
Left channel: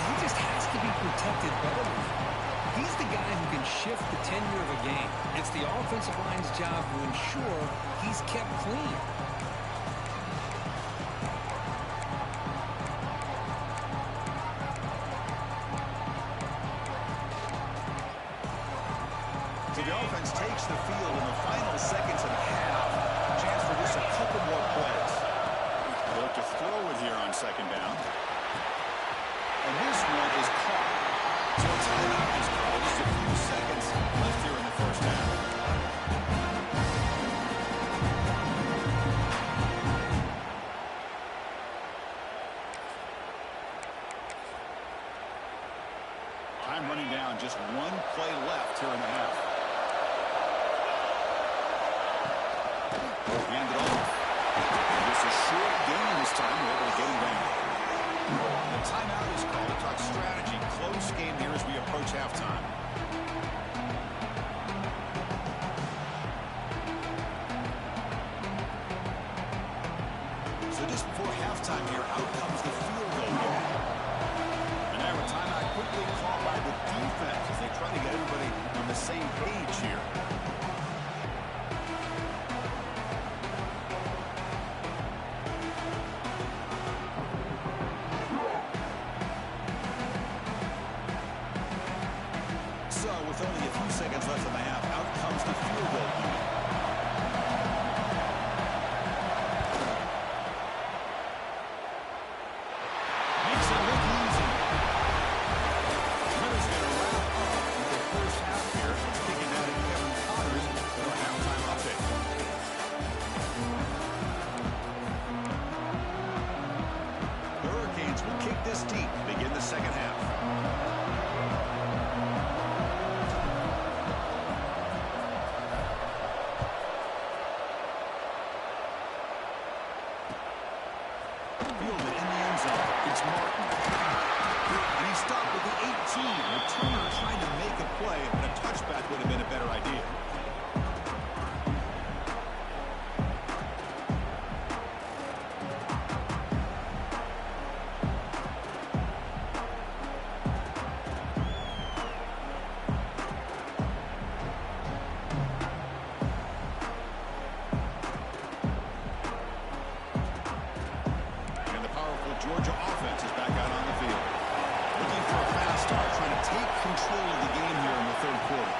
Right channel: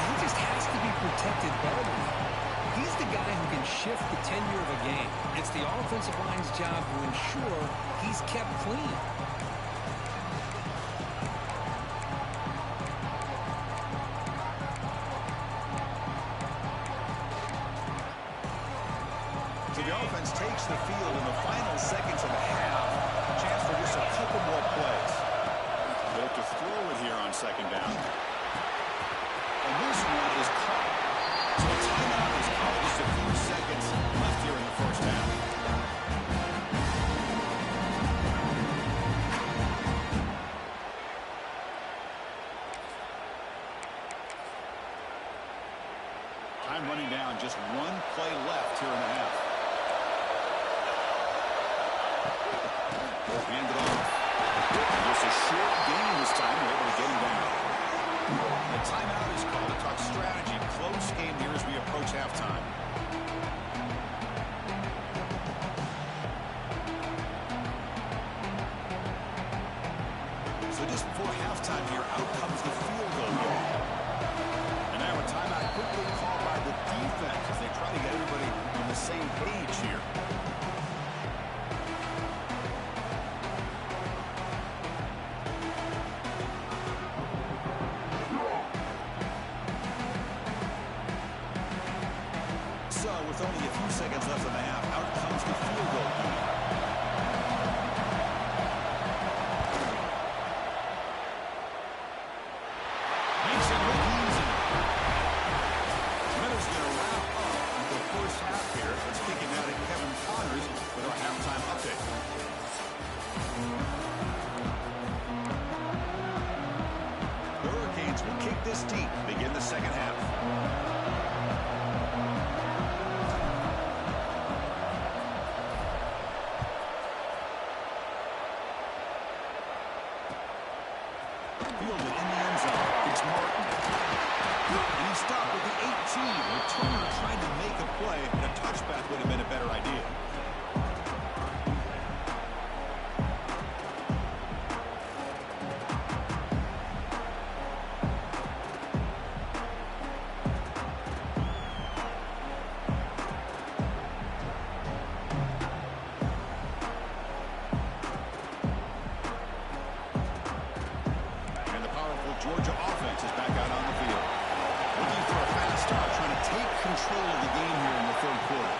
He just has to be protected better than that. He's the guy who can shift the tenure of a game. It's the offensive line's job to ensure he's kept clean. So the offense takes the field in the final seconds of the half. Chance for just a couple more plays. They look to throw it here on second down. And this one is caught. So a timeout is called. Just a few seconds left here in the first half. Time running down. Just one play left here in the half. Hand it off. And just a short gain this time. We're able to get him down. The timeout is called to talk strategy. Close game here as we approach halftime. So just before halftime here, out comes the field goal game. And now a timeout quickly called by the defense as they try to get everybody on the same page here. With only a few seconds left in the half, out comes the field goal unit. Makes it look easy. Miller's going to wrap up with the first half here. Let's kick it out at Kevin Connors with our halftime update. The Hurricanes will kick this deep to begin the second half. Fielded in the end zone. It's Martin. And he stopped with the 18. Returner tried to make a play, but a touchback would have been a better idea. Georgia offense is back out on the field. Looking for a fast start, trying to take control of the game here in the third quarter.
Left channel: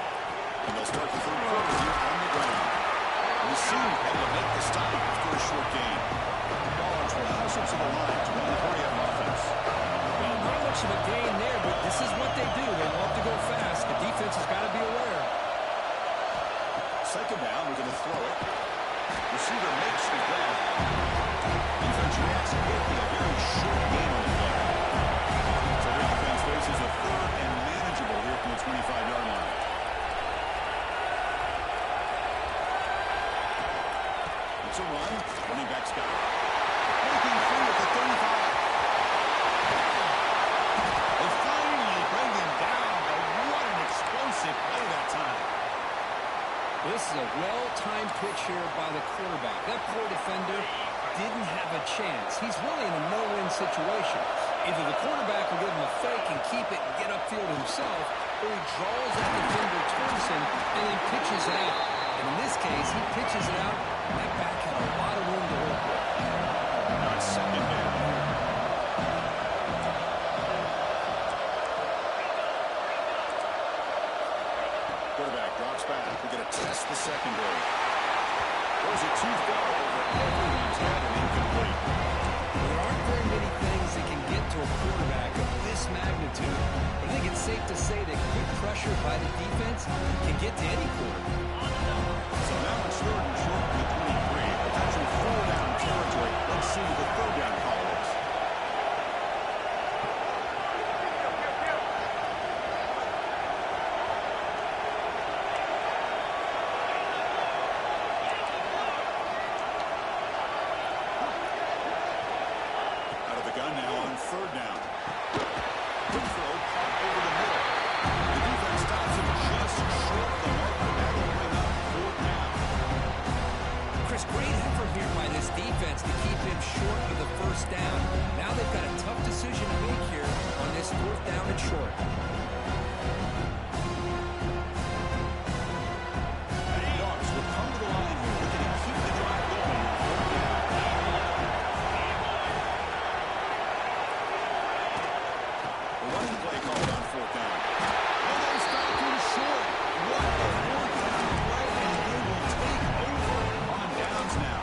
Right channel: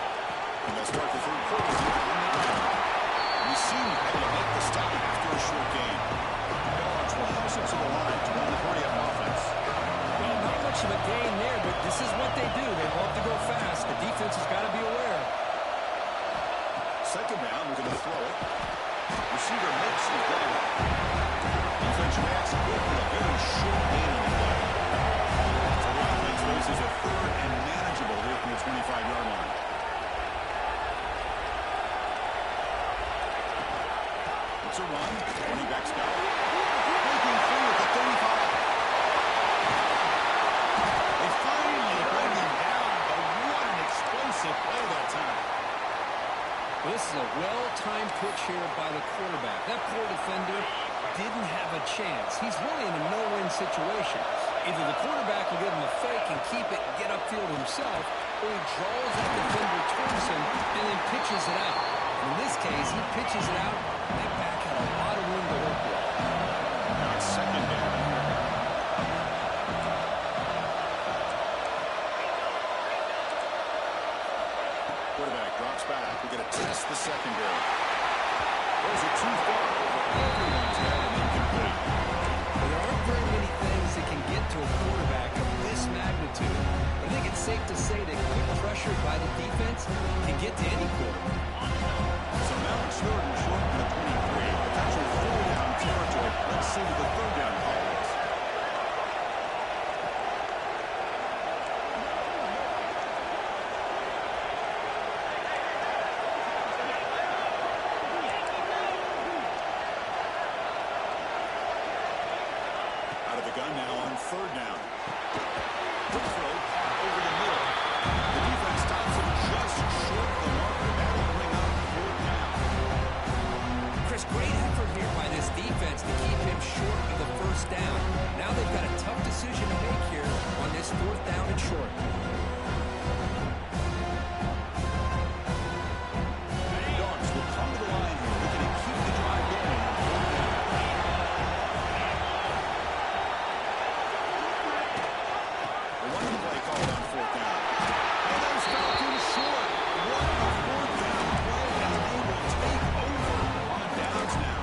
And they'll start the third quarter here on the ground. We seem able to make the stop after a short gain. Dogs will house it to the line to run the hurry-up offense. Well, not much of a gain there, but this is what they do. They love to go fast. The defense has got to be aware. Second down, we're going to throw it. Receiver makes the grab. Defense reacts quickly. A very short gain on the play. So the offense faces a third and manageable here from the 25-yard line. It's a run. Running back's got it. Breaking free at the 35. They finally bring him down, but what an explosive play that time. Well, this is a well-timed pitch here by the quarterback. That poor defender didn't have a chance. He's really in a no-win situation. Either the quarterback will give him a fake and keep it and get upfield himself, or he draws that defender towards him and then pitches it out. And in this case, he pitches it out, and that back had a lot of room to work with. Now it's second down. Quarterback drops back. We're going to test the secondary. Throws it too far over everyone's head and incomplete. Well, there aren't very many things that can get to a quarterback of this magnitude. But I think it's safe to say that good pressure by the defense can get to any quarterback. So now it's third and short from the 23. Potential four-down territory. Let's see what the third down call is. Out of the gun now on third down. Quick throw caught over the middle. The defense stops him just short of the marker. That'll bring up fourth down. Chris, great effort here by this defense to keep him short of the first down. Now they've got a tough decision to make here on this fourth down and short. Dogs will come to the line here, looking to keep the drive going on fourth down. The running play called on fourth down. And they stop him short. What a fourth down play, and they will take over on downs now.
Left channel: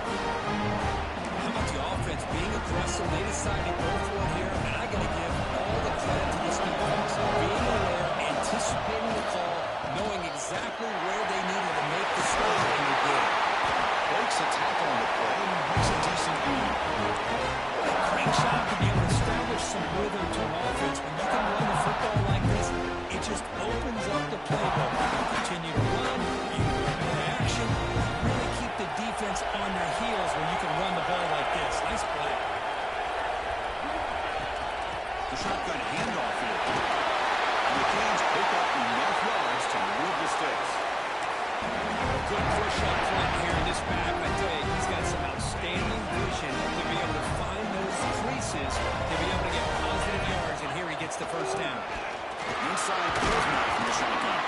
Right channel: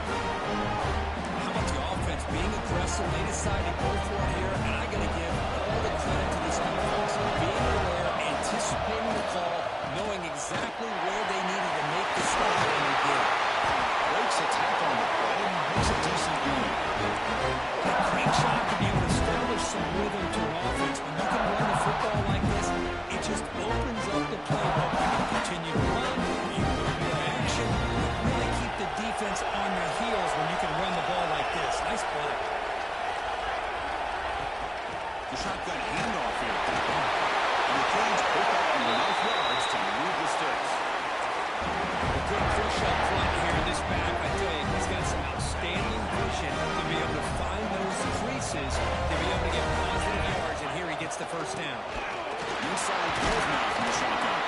How about the offense being aggressive? They decided to go for it here, and I got to give all the credit to this defense. Being aware, anticipating the call, knowing exactly where they needed to make the stop, and they did. Breaks a tackle on the play and makes a decent gain. What a great job to be able to establish some rhythm to an offense. When you can run the football like this, it just opens up the playbook. You can continue to run, you can go into action, really keep the defense on their heels when you can run the ball like this. Nice play. The shotgun handoff here. And the Canes pick up enough yards to move the sticks. A good push up front here in this back. I tell you, he's got some outstanding vision to be able to find those creases, to be able to get positive yards, and here he gets the first down. Inside field now from the shotgun.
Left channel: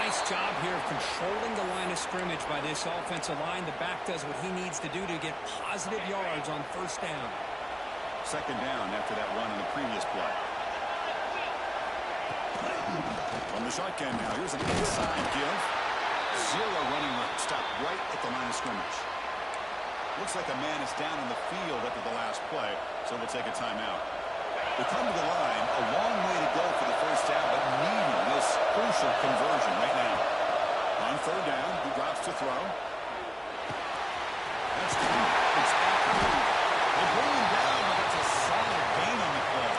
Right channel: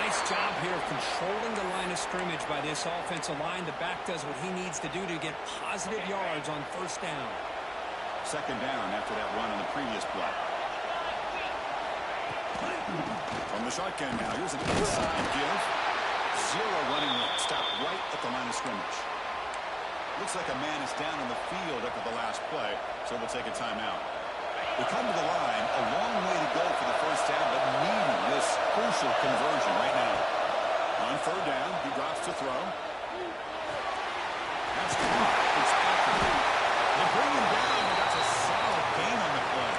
Nice job here of controlling the line of scrimmage by this offensive line. The back does what he needs to do to get positive yards on first down. Second down after that run on the previous play. From the shotgun now, here's an inside give. Zero running room. Stop right at the line of scrimmage. Looks like a man is down on the field after the last play, so we'll take a timeout. We come to the line, a long way to go for the first down, but needing this crucial conversion right now. On third down, he drops to throw. That's caught. It's accurate. They bring him down, but that's a solid gain on the play.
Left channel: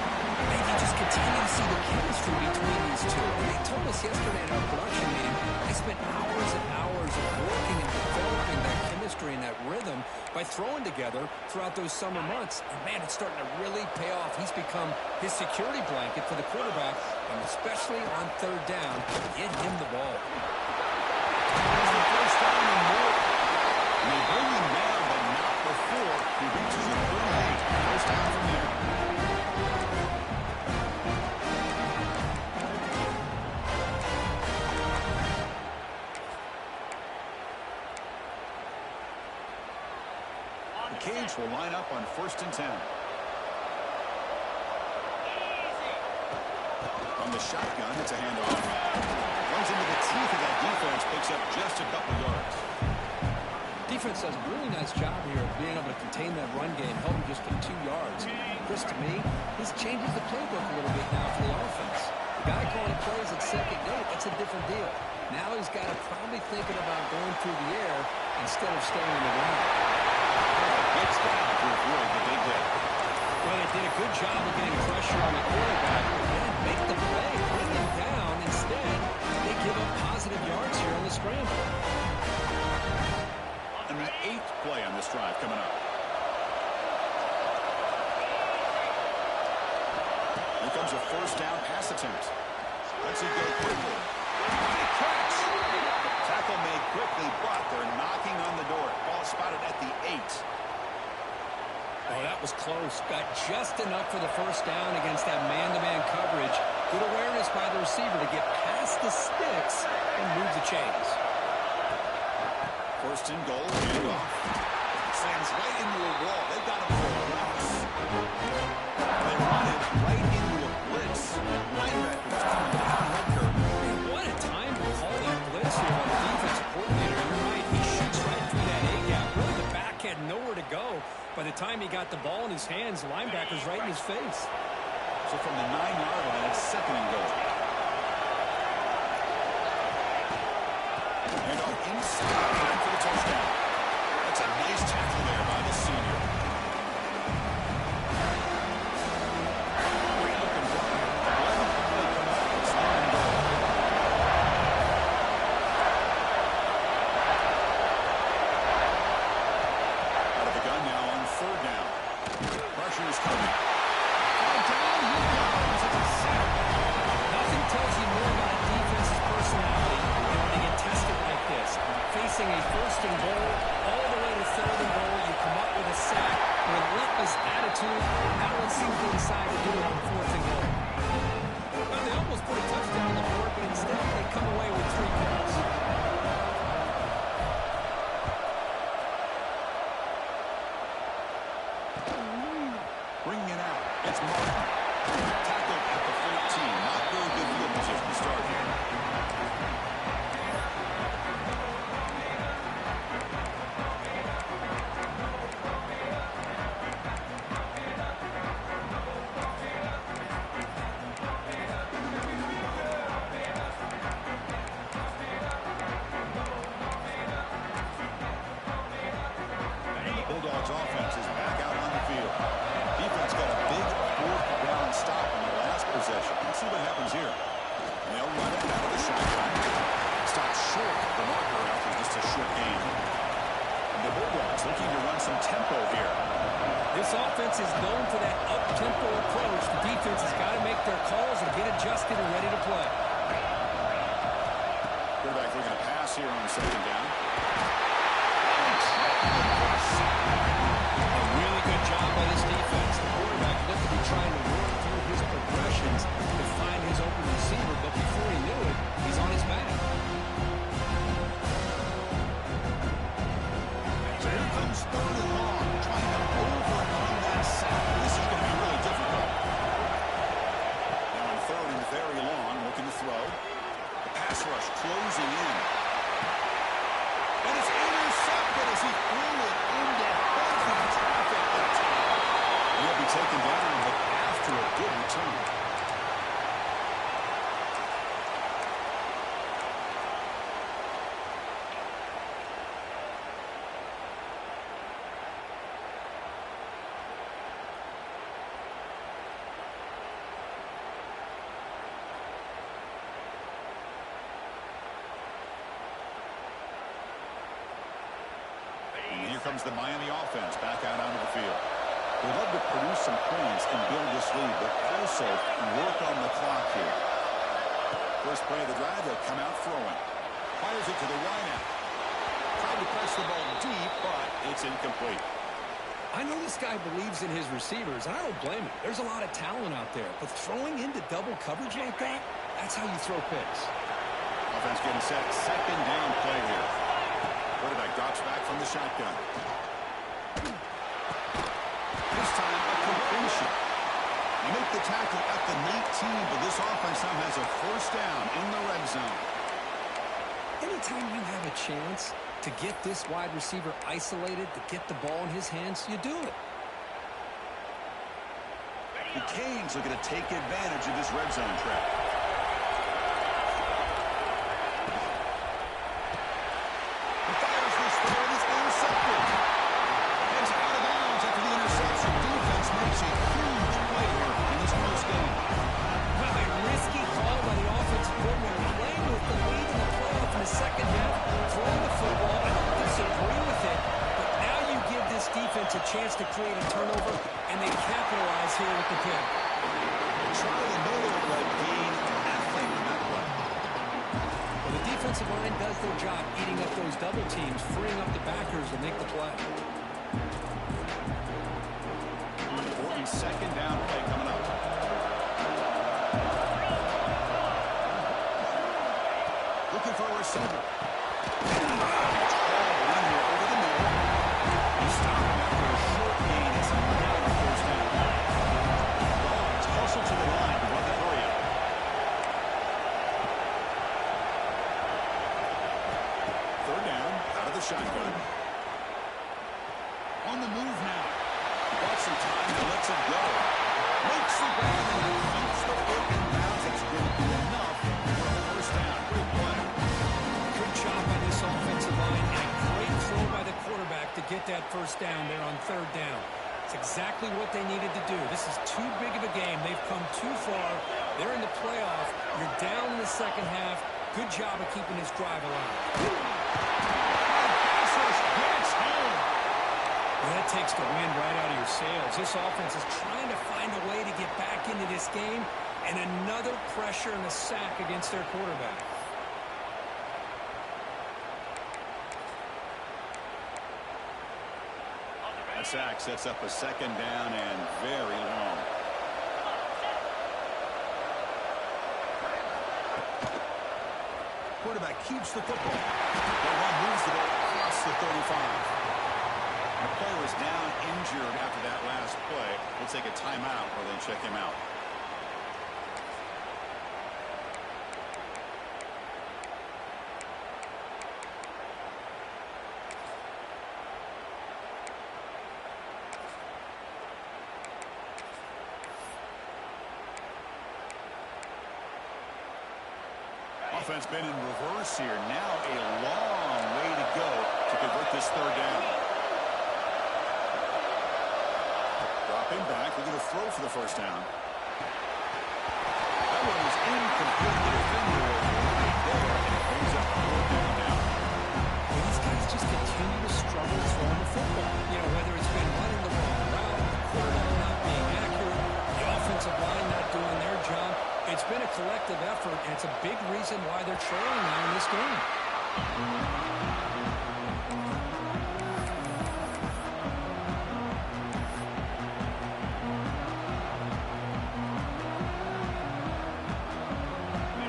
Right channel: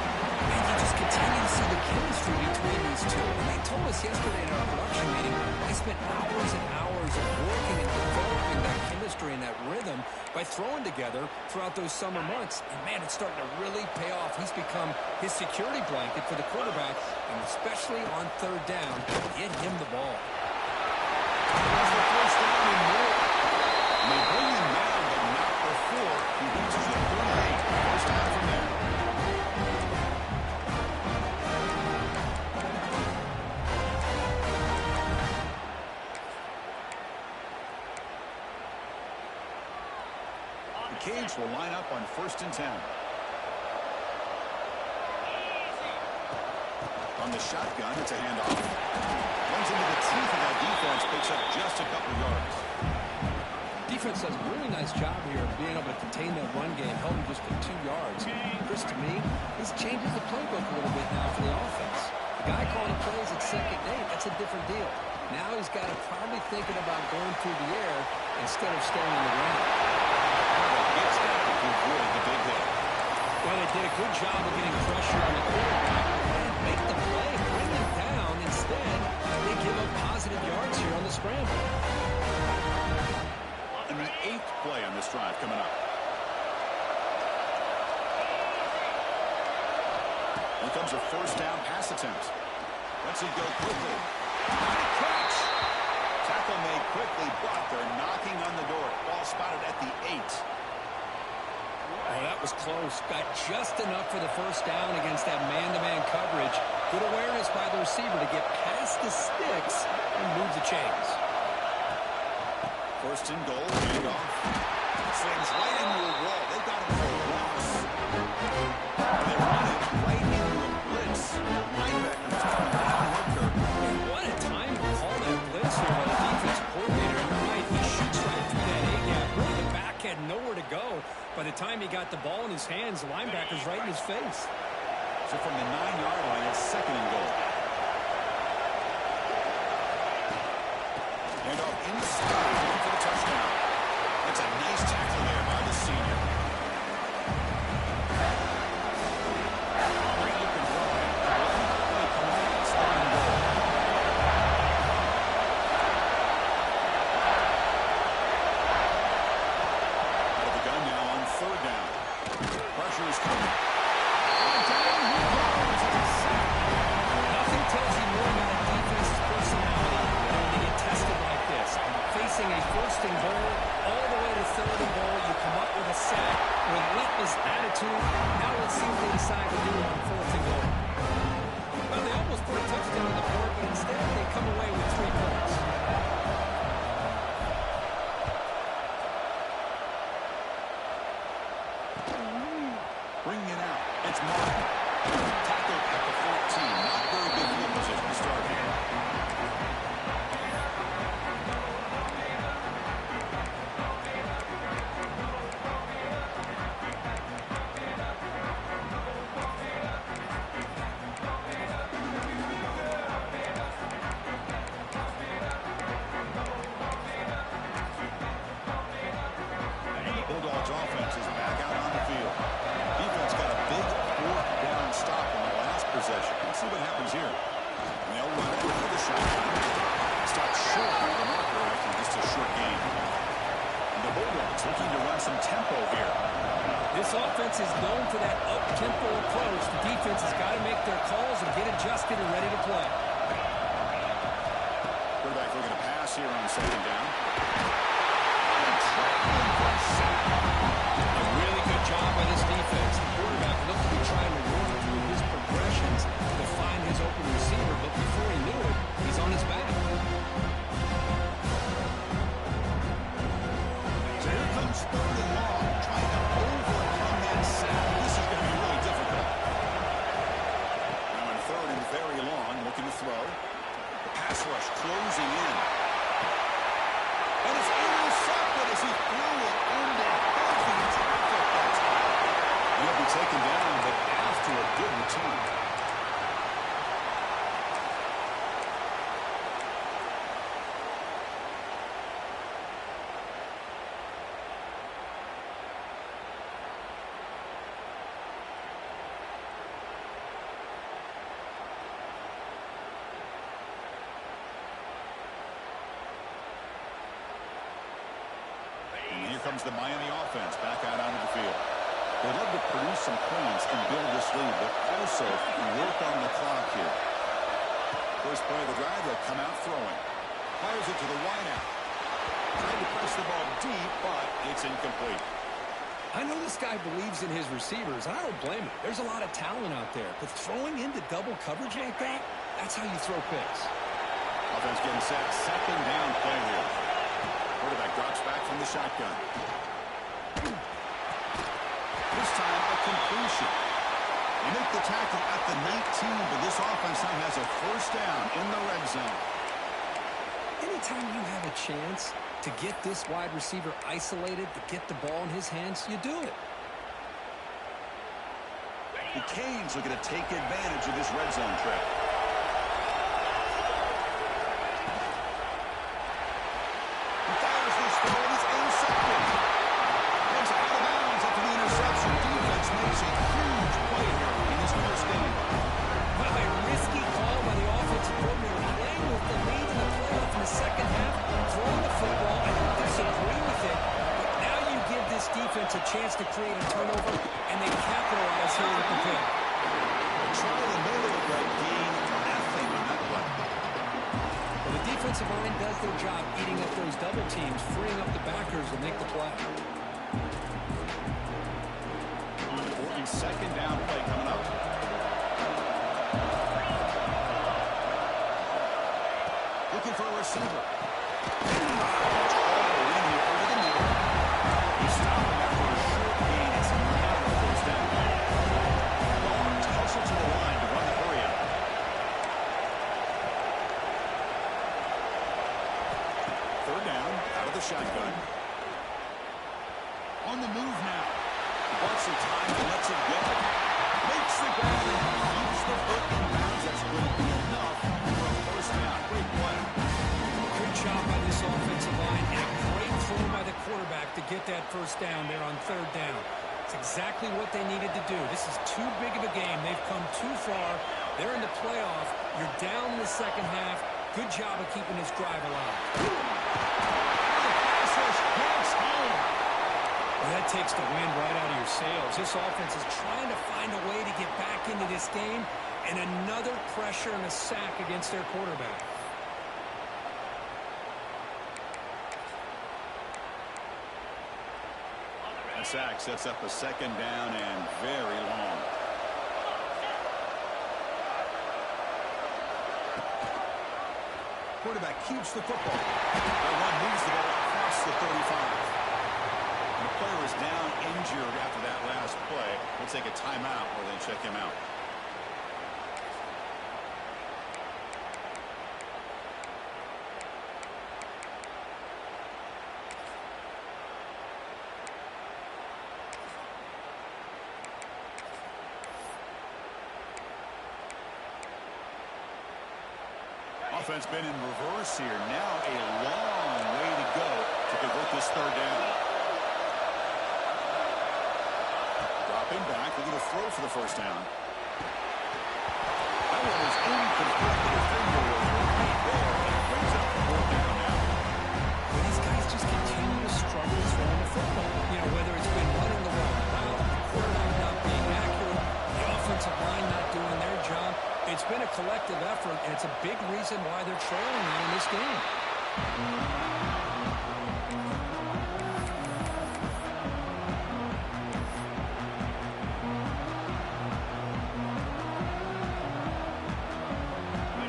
And you just continue to see the chemistry between these two. And they told us yesterday in our production meeting, they spent hours and hours of working and developing that chemistry and that rhythm by throwing together throughout those summer months. And, man, it's starting to really pay off. He's become his security blanket for the quarterback, and especially on third down, get him the ball. There's the first down and more. And they bring him down, but not before he reaches the 38. First down from there. Hurricanes will line up on 1st and 10. From the shotgun, it's a handoff. Runs into the teeth of that defense, picks up just a couple yards. Defense does a really nice job here of being able to contain that run game, held him just to 2 yards. Chris, to me, this changes the playbook a little bit now for the offense. The guy calling the plays at second date, that's a different deal. Now he's got to probably thinking about going through the air instead of staying on the ground. Well, gets down to avoid the big hit. Well, they did a good job of getting pressure on the quarterback and make the play, bring him down. Instead, they give up positive yards here on the scramble. And the 8th play on this drive coming up. Here comes a 1st down pass attempt. Let's it go quickly. Great catch. Tackle made quickly, but they're knocking on the door. Ball spotted at the 8. Oh, that was close. Got just enough for the 1st down against that man-to-man coverage. Good awareness by the receiver to get past the sticks and move the chains. 1st and goal, handoff. Slams right into a wall. They got him for a loss. And they run it right into a blitz. That linebacker was coming down Hooker. And what a time to call that blitz here by the defensive coordinator. You're right. He shoots right through that A-gap. Really, the back had nowhere to go. By the time he got the ball in his hands, the linebacker's right in his face. So from the 9-yard line, it's 2nd and goal. And off inside, looking for the touchdown. That's a nice tackle there by the senior. Great looking drive. 11th play coming up. It's 3rd and goal. Out of the gun now on 3rd down. Pressure is coming. And down he goes. It's a sack. Nothing tells you more about a defense's personality than when they get tested like this. Facing a 1st and goal, all the way to 3rd and goal, you come up with a sack, relentless attitude. Now let's see what they decide to do on 4th and goal. Well, they almost put a touchdown on the board, but instead they come away with 3 points. Bringing it out. It's Martin. Tackled at the 14. Not very good field position to start here. Bulldogs offense is back out on the field. Defense got a big 4th down stop in the last possession. Let's see what happens here. And they'll run it out of the shotgun. Stopped short of the marker after just a short gain. And the Bulldogs looking to run some tempo here. This offense is known for that up-tempo approach. The defense has got to make their calls and get adjusted and ready to play. Quarterback looking to pass here on 2nd down. A really good job by this defense. The quarterback looked to be trying to work through his progressions to find his open receiver, but before he knew it, he's on his back. So here comes 3rd and long, trying to overcome that sack. This is going to be really difficult. Now on 3rd and very long, looking to throw. The pass rush closing in. And it's intercepted as he threw it into heavy traffic that time. He'll be taken down, but after a good return. And here comes the Miami offense back out onto the field. They'd love to produce some points and build this lead, but also work on the clock here. First play of the drive, they'll come out throwing. Fires it to the wideout. Tried to press the ball deep, but it's incomplete. I know this guy believes in his receivers, and I don't blame him. There's a lot of talent out there, but throwing into double coverage like that, that's how you throw picks. Offense getting set. 2nd down play here. Quarterback drops back from the shotgun. This time, a completion. You make the tackle at the 19, but this offense now has a first down in the red zone. Anytime you have a chance to get this wide receiver isolated, to get the ball in his hands, you do it. The Canes looking to take advantage of this red zone trap. He fires this throw and it's intercepted. It's out of bounds after the interception. Defense makes a huge play here in this close game. Well, a risky call by the offensive coordinator, playing with the lead in the playoff in the second half, throwing the football. I don't disagree with it, but now you give this defense a chance to create a turnover, and they capitalize here with the pick. Try the middle, but gain nothing on that play. Well, the defensive line does their job eating up those double teams, freeing up the backers to make the play. Important second down play coming up. Looking for a receiver. Tall in here over the middle. He's stopping after a short gain. It's not a first down. Dogs hustle to the line to run the hurry up. Third down, out of the shotgun. On the move now. He bought some time and lets it go. Makes the grab and keeps the foot in bounds. That's going to be enough for a first down. Great play. Good job by this offensive line, and a great throw by the quarterback to get that first down there on third down. It's exactly what they needed to do. This is too big of a game. They've come too far. They're in the playoff. You're down in the second half. Good job of keeping this drive alive. Pass rush gets home. Well, that takes the wind right out of your sails. This offense is trying to find a way to get back into this game, and another pressure and a sack against their quarterback. That sack sets up a second down and very long. Quarterback keeps the football. That run moves the ball across the 35. And the player is down injured after that last play. We'll take a timeout or then check him out. Offense been in reverse here. Now a long way to go to convert this third down. Dropping back, looking to throw for the first down. That one is incomplete. The defender was right there, and it brings up fourth down now. Well, these guys just continue to struggle throwing the football. You know, whether it's been running the wrong route, the quarterback not being accurate, the offensive line not doing their job. It's been a collective effort, and it's a big reason why they're trailing now in this game.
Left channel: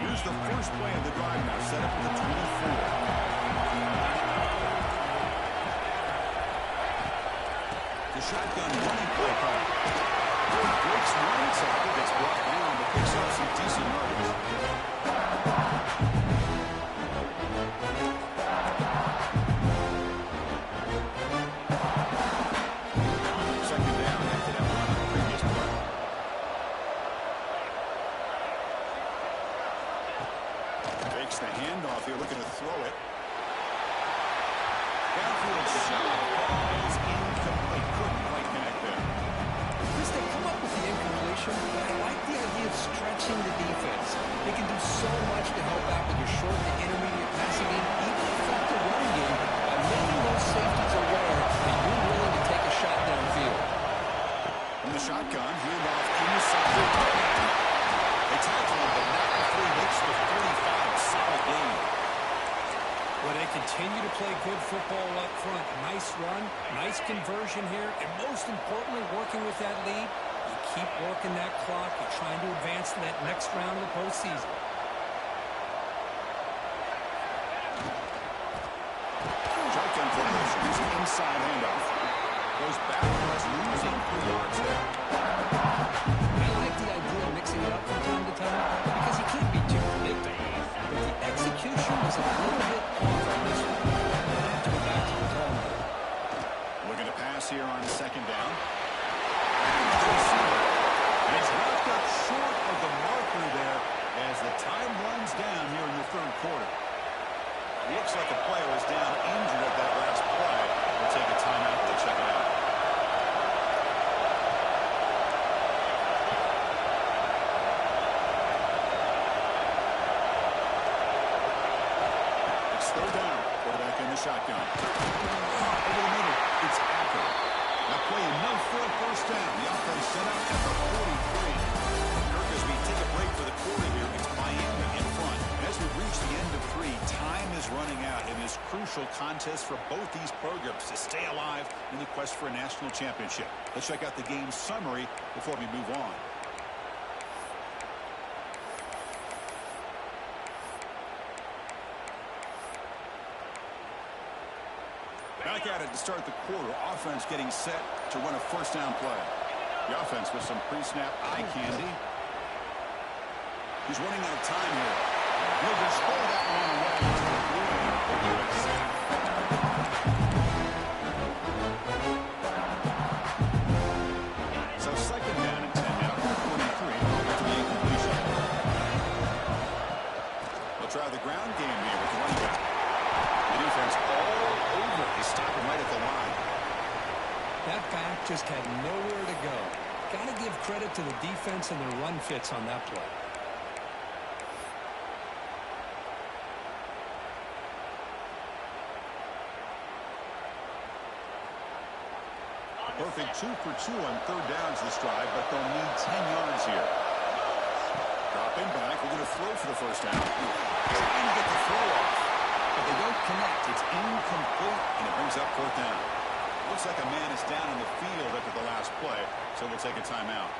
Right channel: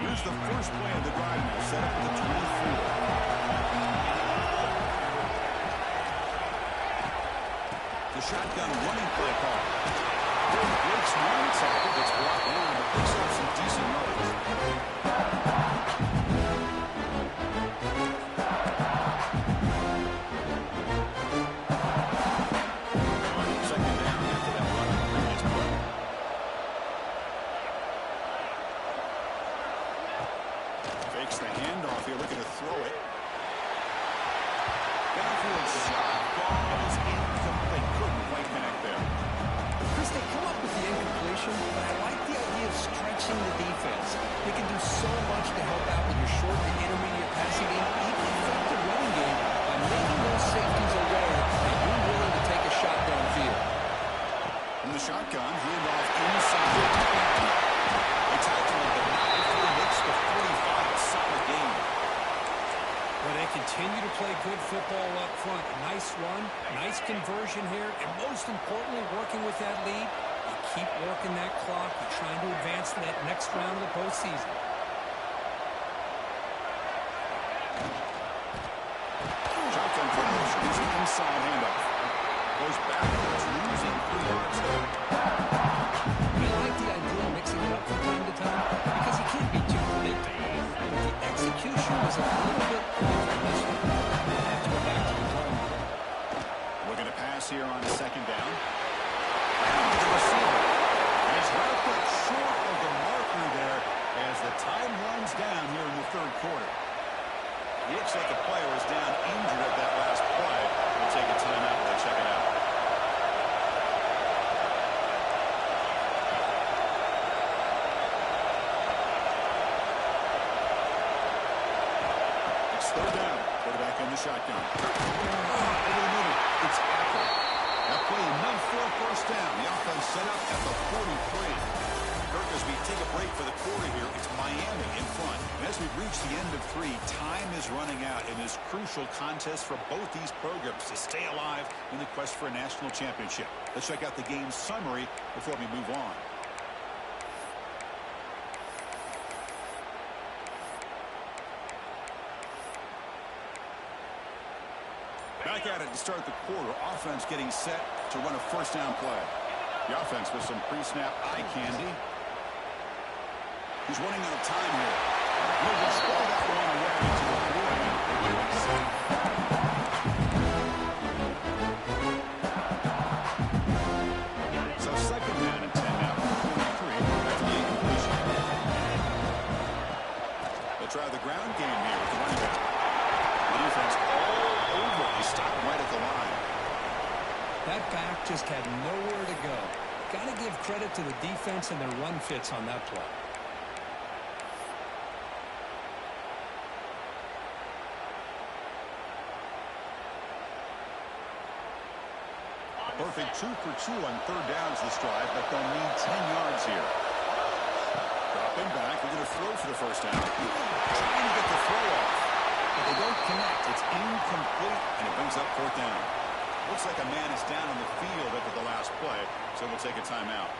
Here's the first play of the drive now, set up at the 24. The shotgun running play call. Breaks one tackle, gets brought down, but picks up some decent yards. Second down after that run on the previous play. Fakes the handoff here, looking to throw it. Downfield shot, falls incomplete. Couldn't quite connect there. Chris, they come up with the incompletion, but I like the idea of stretching the defense. They can do so much to help out with your short to intermediate passing game, even effective running game, by making those safeties aware that you're willing to take a shot downfield. From the shotgun, handoff inside. They tackle him, but not before he makes the 45. A solid game. Well, they continue to play good football up front. Nice run, nice conversion here, and most importantly, working with that lead, you keep working that clock. You're trying to advance to that next round of the postseason. Shotgun formation, using inside handoff. Goes backwards, losing 3 yards there. I like the idea of mixing it up from time to time because you can't be too predictable. But the execution was a little bit off on this one. I have to go back to the drawing board. Looking to pass here on 2nd down. And the receiver. And he's wrapped up short of the marker there as the time runs down here in the 3rd quarter. Looks like a player was down injured at that last play. We'll take a timeout while they check it out. It's 3rd down. Quarterback in the shotgun. Over the middle. It's Acker. That play enough for a 1st down. The offense set up at the 43. Kirk, as we take a break for the quarter here, it's Miami in front. And as we reach the end of 3, time is running out in this crucial contest for both these programs to stay alive in the quest for a national championship. Let's check out the game summary before we move on. Back at it to start the quarter. Offense getting set to run a 1st down play. The offense with some pre-snap eye candy. He's running out of time here. He'll just throw that one away to avoid a given sack. So 2nd down and 10 now from 43 after the incompletion. They'll try the ground game here with the running back. The defense all over. They stop him right at the line. That back just had nowhere to go. Got to give credit to the defense and their run fits on that play. Perfect 2 for 2 on 3rd downs this drive, but they'll need 10 yards here. Dropping back. We're going to throw for the 1st down. Trying to get the throw off, but they don't connect. It's incomplete, and it brings up 4th down. Looks like a man is down on the field after the last play, so we'll take a timeout.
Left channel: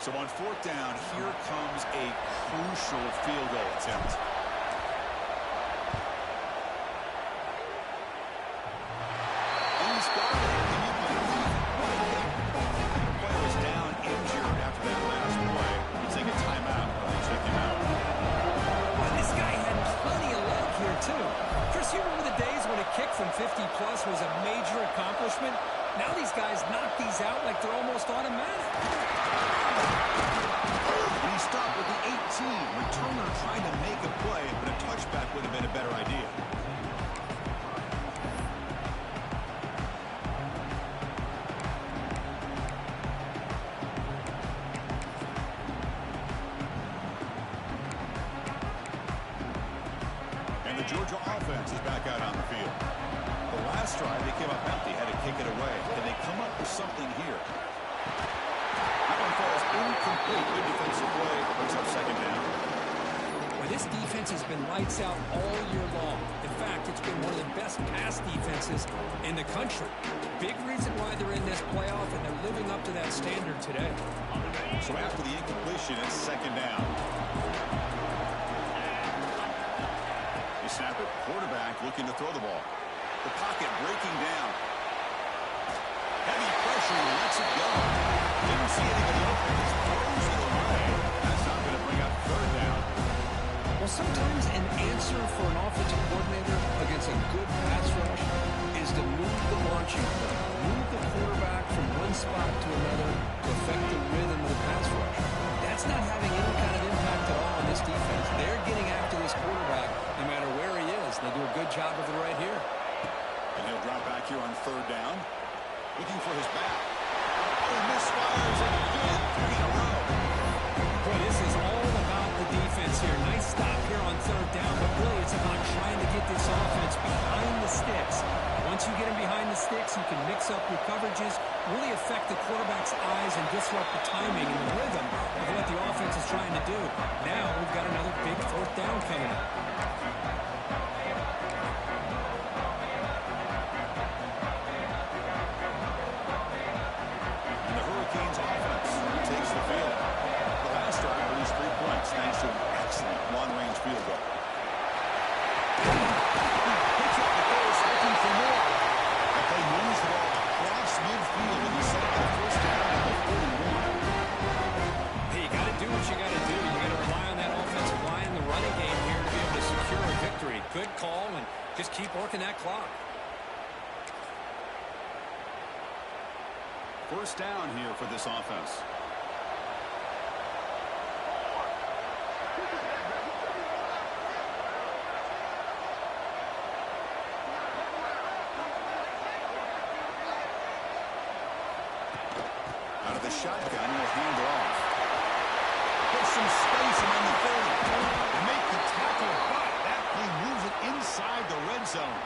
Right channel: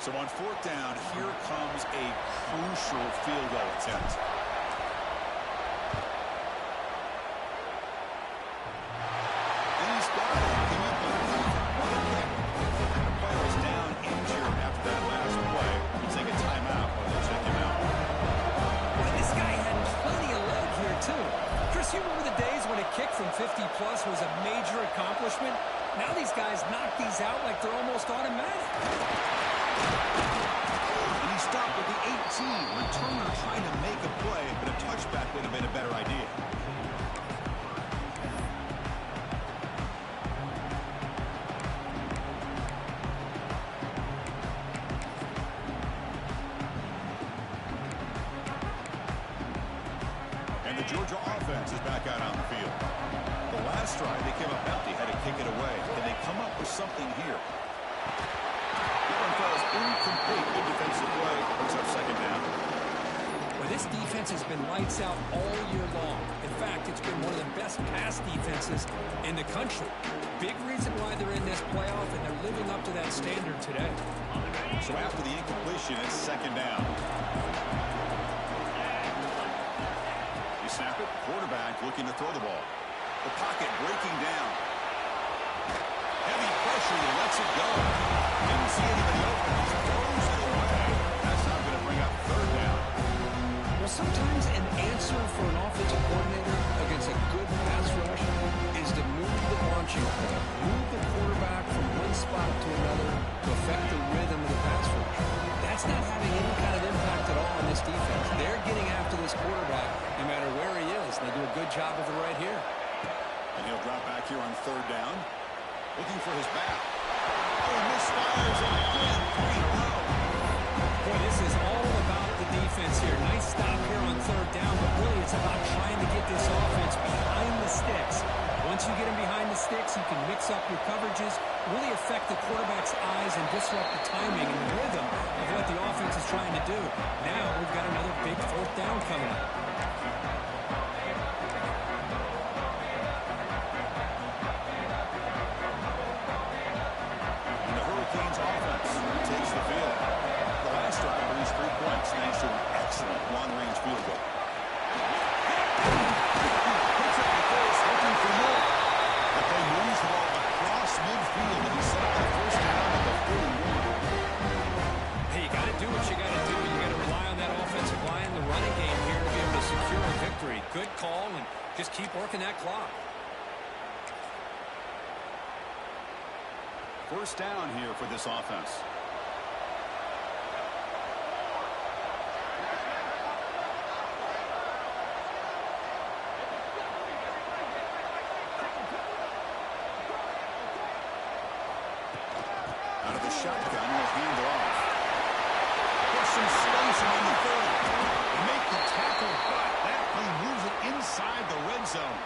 So on 4th down, here comes a crucial field goal attempt. And he's got it. Can you believe it? What a kick. The player was down injured after that last play. We'll take a timeout while they check him out. Boy, this guy had plenty of leg here, too. Chris, you remember the days when a kick from 50-plus was a major accomplishment? Now these guys knock these out like they're almost automatic. And he stopped with the 18. Returner trying to make a play, but a touchback would have been a better idea. And the Georgia offense is back out on the field. The last drive, they came up empty, had to kick it away. Can they come up with something here? That one falls incomplete. Good defensive play. Brings up 2nd down. Well, this defense has been lights out all year long. In fact, it's been one of the best pass defenses in the country. Big reason why they're in this playoff, and they're living up to that standard today. So after the incompletion, it's 2nd down. You snap it. Quarterback looking to throw the ball. The pocket breaking down. Heavy pressure. He lets it go. Didn't see anybody open. Just throws it away. That's not going to bring up 3rd down. Well, sometimes an answer for an offensive coordinator against a good pass rush is to move the launching point, move the quarterback from one spot to another to affect the rhythm of the pass rush. That's not having any kind of impact at all on this defense. They're getting after this quarterback no matter where he is. They do a good job of it right here. And he'll drop back here on 3rd down. Looking for his back. Oh, he misfires again. 3 in a row. Boy, this is all about the defense here. Nice stop here on 3rd down, but really it's about trying to get this offense behind the sticks. Once you get him behind the sticks, you can mix up your coverages, really affect the quarterback's eyes and disrupt the timing and the rhythm of what the offense is trying to do. Now we've got another big 4th down coming up. And the Hurricanes offense takes the field. The last drive produced 3 points thanks to an excellent long-range field goal. Picks do what you got to do. You got to rely on that offensive line in the running game here to be able to secure a victory. Good call, and just keep working that clock. First down here for this offense. Out of the shotgun, he'll hand it off. Get some space around the 30. Make the tackle, but that play moves it inside the red zone.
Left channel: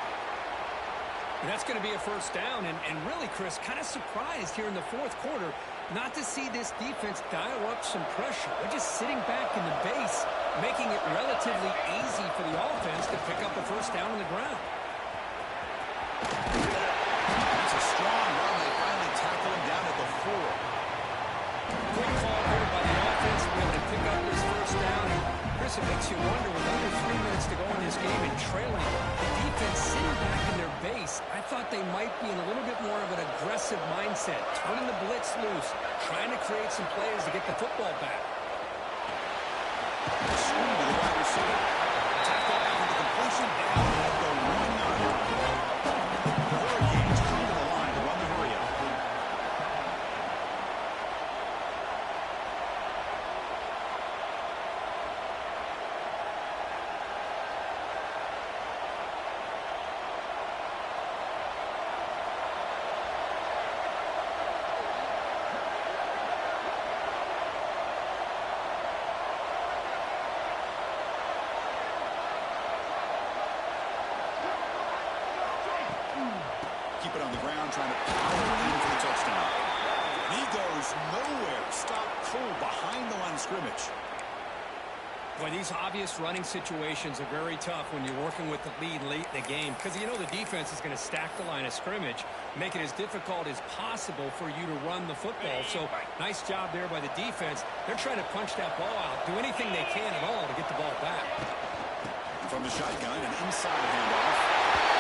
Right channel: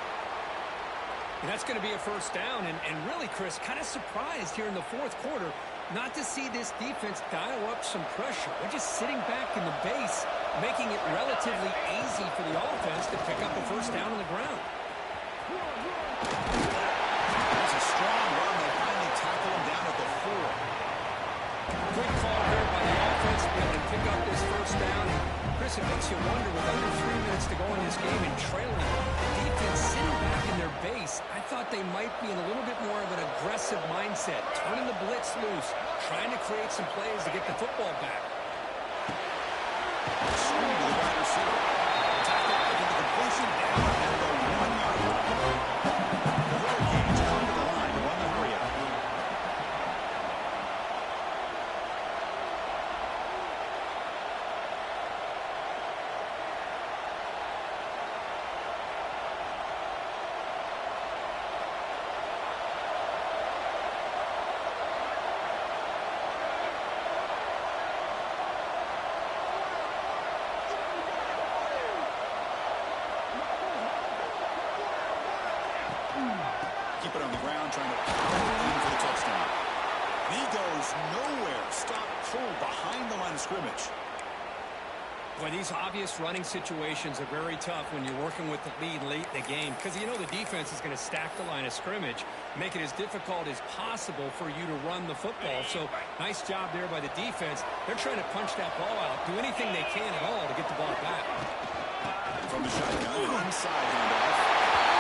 And that's going to be a first down. And really, Chris, kind of surprised here in the fourth quarter not to see this defense dial up some pressure. They're just sitting back in the base, making it relatively easy for the offense to pick up a first down on the ground. That's a strong run. They finally tackle him down at the 4. Quick call here by the offense to be able to pick up this first down. And Chris, it makes you wonder, with under 3 minutes to go in this game and trailing, the defense sitting back in their base, I thought they might be in a little bit more of an aggressive mindset, turning the blitz loose, trying to create some plays to get the football back. Swing to the wide receiver. Tackle after the completion down at the 1-yard line. The Hurricanes come to the line to run the hurry up. Keep it on the ground, trying to power in for the touchdown. And he goes nowhere. Stopped cold behind the line of scrimmage. Boy, these obvious running situations are very tough when you're working with the lead late in the game, because you know the defense is going to stack the line of scrimmage, make it as difficult as possible for you to run the football. So nice job there by the defense. They're trying to punch that ball out, do anything they can at all to get the ball back. From the shotgun, an inside handoff.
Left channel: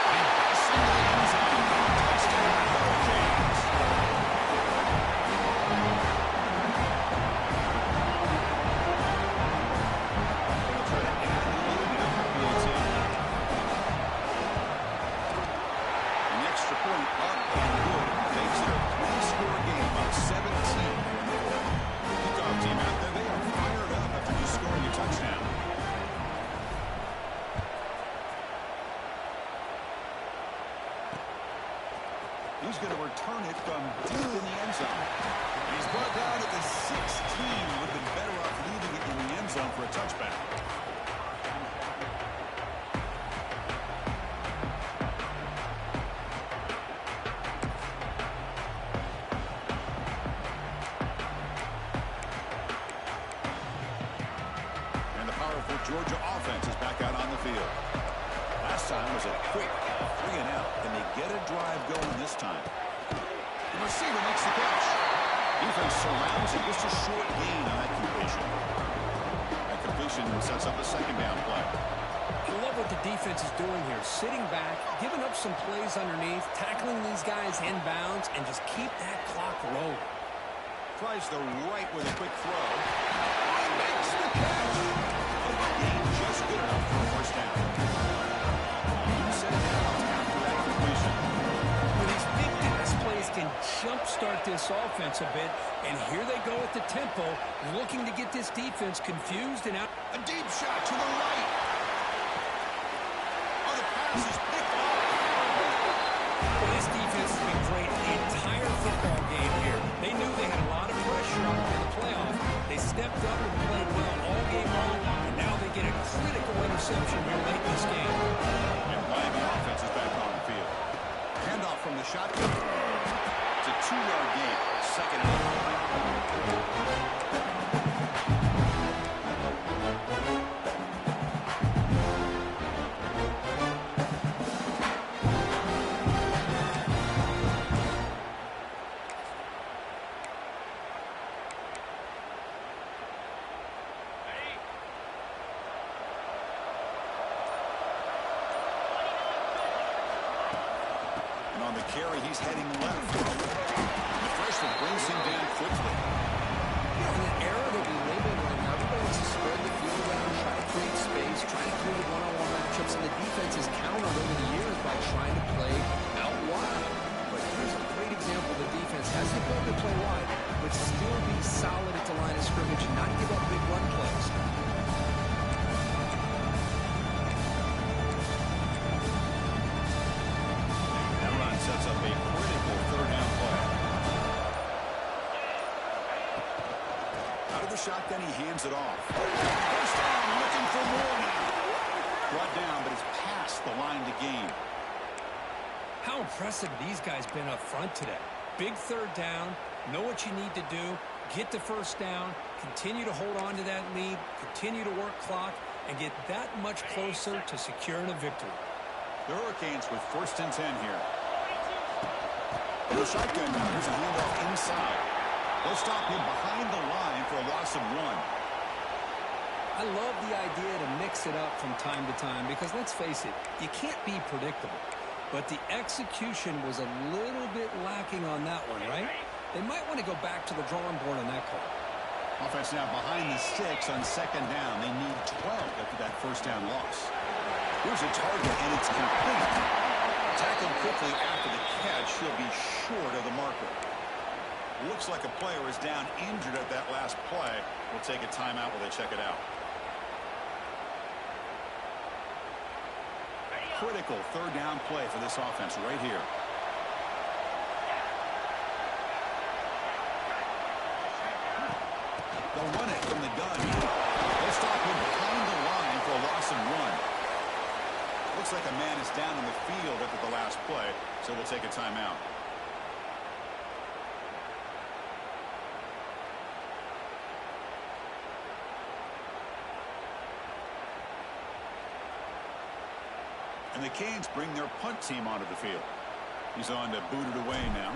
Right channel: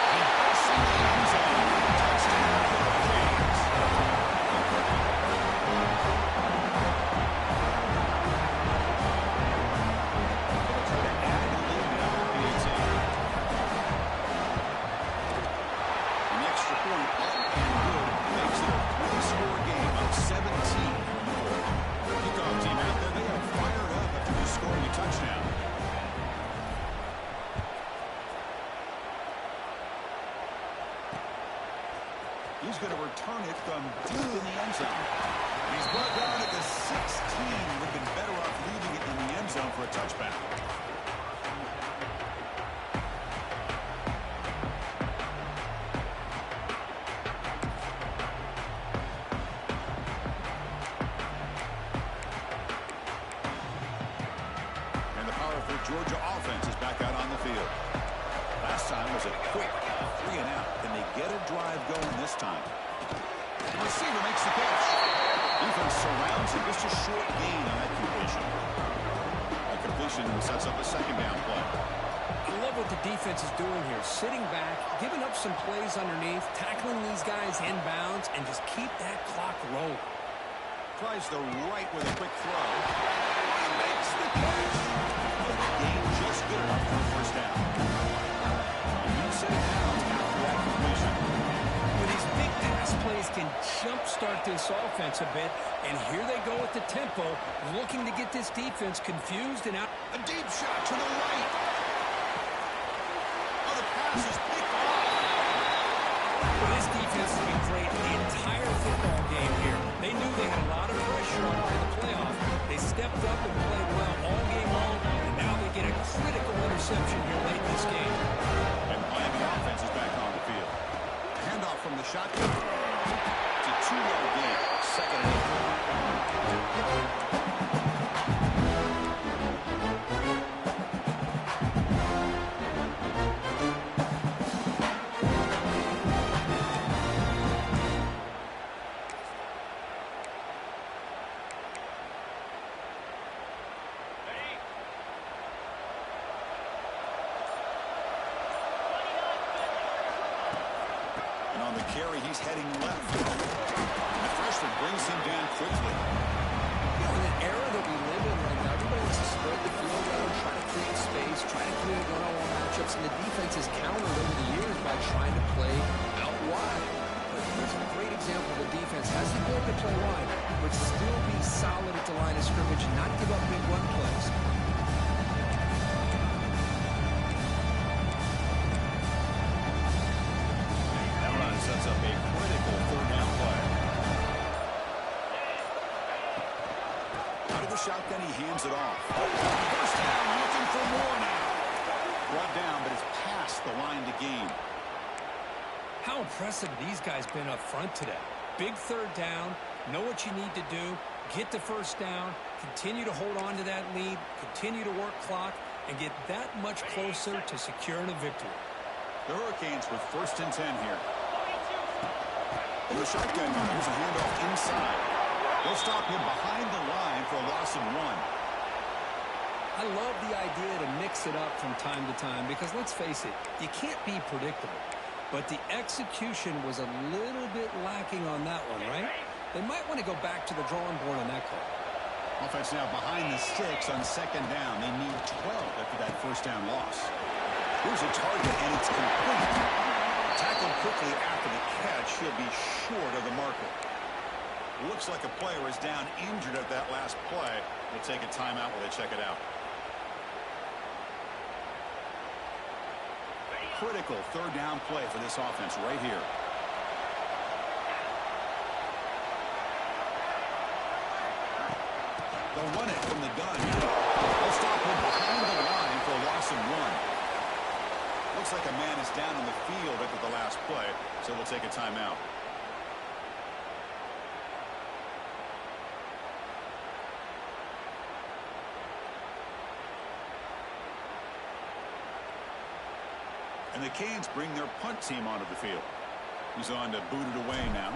And busts into the end zone. Touchdown, Hurricanes. They'll try to add the lead now for PAT. An extra point up and good. Makes it a 3-score game, up 17 here in the fourth. Kickoff team out there, they are fired up after just scoring a touchdown. He's going to return it from deep in the end zone. And he's brought down at the 16. Would have been better off leaving it in the end zone for a touchback. And the powerful Georgia offense is back out on the field. Last time was a quick 3-and-out. Can they get a drive going this time? The receiver makes the catch. Defense surrounds him. Just a short gain on that completion. That completion sets up a second down play. I love what the defense is doing here. Sitting back, giving up some plays underneath, tackling these guys inbounds, and just keep that clock rolling. Tries the right with a quick throw. Oh, he makes the catch. But the gain just good enough for a first down. Set it down after that completion. Well, these big pass plays can jumpstart this offense a bit, and here they go at the tempo, looking to get this defense confused and out. A deep shot to the right. Oh, the pass is picked off. Well, this defense has been great the entire football game here. They knew they had a lot of pressure on them in the playoff. They stepped up and played well all game long, and now they get a critical interception here late in this game. Miami offense is back on the field. Handoff from the shotgun. It's a 2-yard gain. Second and 8. On the carry, he's heading left. The freshman brings him down quickly. You know, in the era that we live in right complete one-on-one matchups, and the defense has countered over the years by trying to play out wide. But here's a great example. The defense has the ability to play wide, but still be solid at the line of scrimmage and not give up big run plays. That run sets up a critical third down play. Out of the shotgun, he hands it off. First down, looking for more now. Brought down, but it's past the line to gain. How impressive these guys been up front today. Big third down, know what you need to do, get the first down, continue to hold on to that lead, continue to work clock, and get that much closer to securing a victory. The Hurricanes with 1st and 10 here. In the shotgun now, here's a handoff inside. They'll stop him behind the line for a loss of 1. I love the idea to mix it up from time to time because, let's face it, you can't be predictable. But the execution was a little bit lacking on that one, right? They might want to go back to the drawing board on that call. Offense now behind the sticks on 2nd down. They need 12 after that first down loss. Here's a target, and it's complete. Tackled quickly after the catch. He'll be short of the marker. Looks like a player is down injured at that last play. We'll take a timeout while they check it out. Critical third down play for this offense right here. They'll run it from the gun. They'll stop him behind the line for a loss of 1. Looks like a man is down on the field after the last play, so we'll take a timeout. And the Canes bring their punt team onto the field. He's on to boot it away now.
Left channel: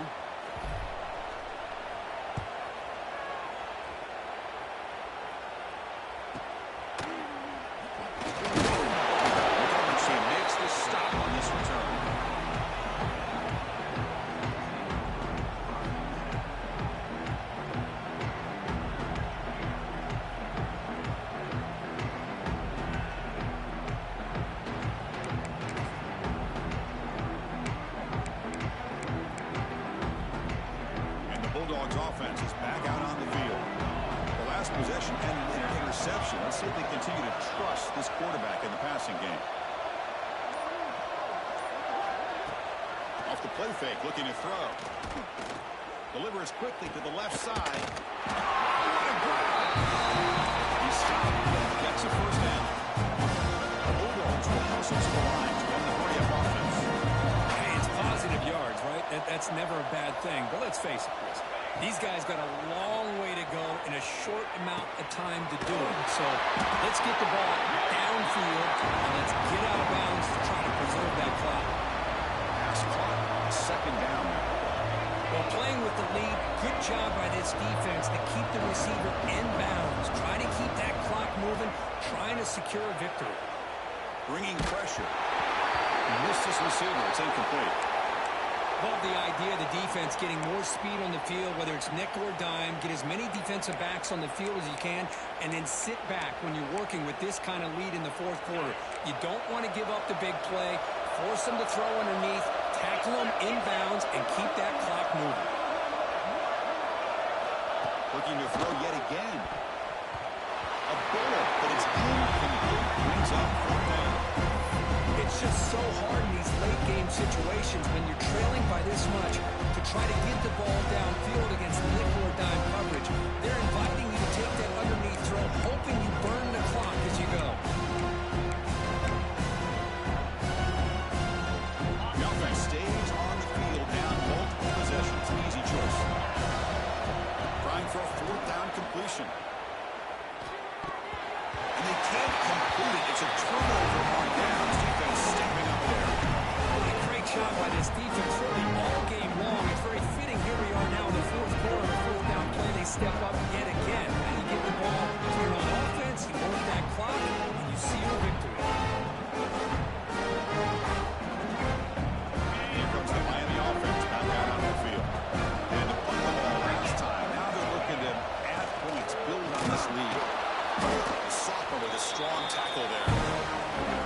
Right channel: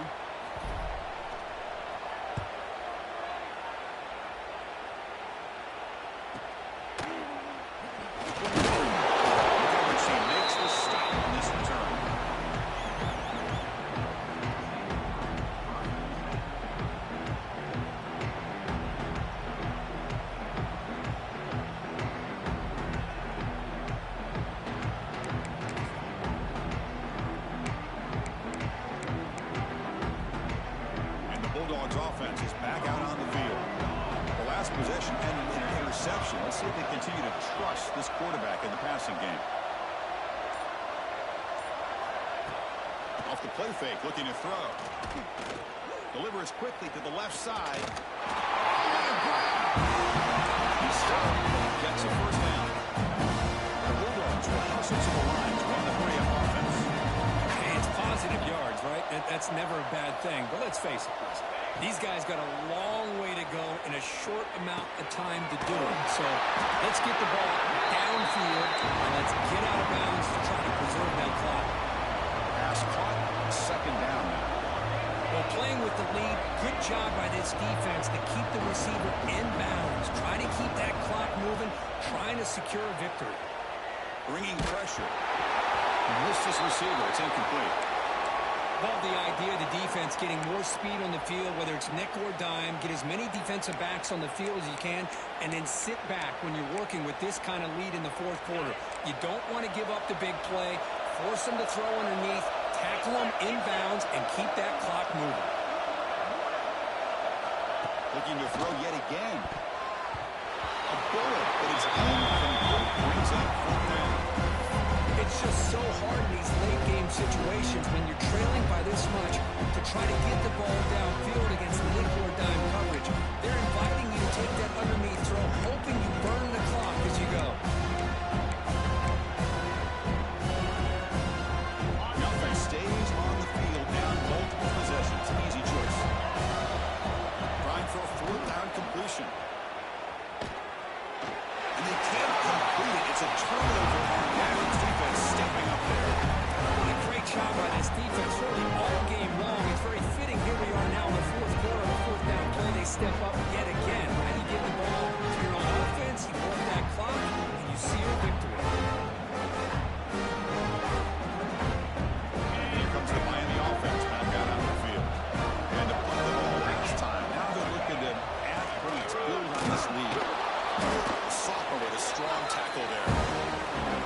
The coverage team makes the stop on this return. Bulldogs offense is back out on the field. The last possession ended in an interception. Let's see if they continue to trust this quarterback in the passing game. Off the play fake, looking to throw. Delivers quickly to the left side. Oh, what a grab! He stopped, but he gets a first down. The Bulldogs will hustle to the line to run the hurry-up offense. Hey, it's positive yards, right? That's never a bad thing. But let's face it, Chris. These guys got a long way to go in a short amount of time to do it. So let's get the ball downfield, and let's get out of bounds to try to preserve that clock. Pass caught, 2nd down now. Well, playing with the lead, good job by this defense to keep the receiver in bounds. Try to keep that clock moving, trying to secure a victory. Bringing pressure. Missed his receiver. It's incomplete. Love the idea of the defense getting more speed on the field, whether it's nickel or dime. Get as many defensive backs on the field as you can, and then sit back when you're working with this kind of lead in the 4th quarter. You don't want to give up the big play. Force them to throw underneath, tackle them in bounds, and keep that clock moving. Looking to throw yet again. A bullet, but it's incomplete. Brings up 4th down. It's just so hard in these late-game situations when you're trailing by this much to try to get the ball downfield against nickel or dime coverage. They're inviting you to take that underneath throw, hoping you burn the clock as you go. The offense stays on the field down multiple possessions. Easy choice. Trying for a 4th down completion. And they can't complete it. It's a turnover on downs. Defense stepping up there. What a great job by this defense, really all game long. It's very fitting. Here we are now in the 4th quarter. On the 4th down play, they step up yet again. Now you get the ball to your own offense, you work that clock, and you seal a victory. Here comes the Miami offense back out on the field. And to punt the ball last time. Now they're looking to add points, build on this lead. The sophomore with a strong tackle there.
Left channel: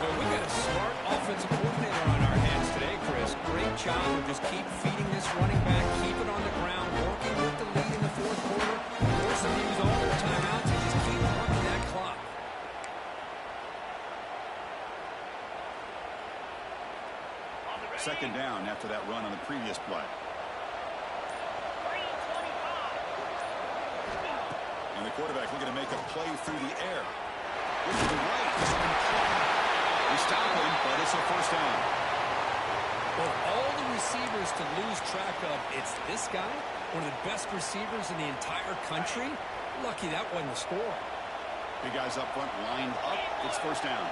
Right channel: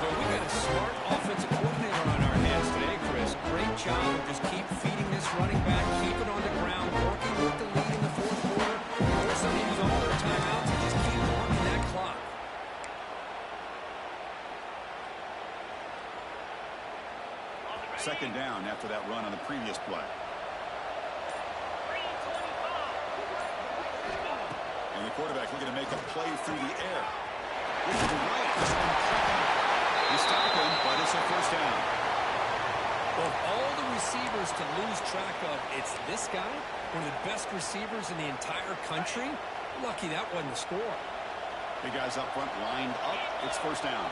Well, we got a smart offensive coordinator on our hands today, Chris. Great job of just keep feeding this running back, keep it on the ground, working with the lead in the fourth quarter. Force them to use all their timeouts and just keep working that clock. Second down after that run on the previous play. And the quarterback looking to make a play through the air. With the right. You stop him, but it's a first down. Well, all the receivers to lose track of, it's this guy, one of the best receivers in the entire country. Lucky that wasn't the score. Big guys up front lined up. It's first down.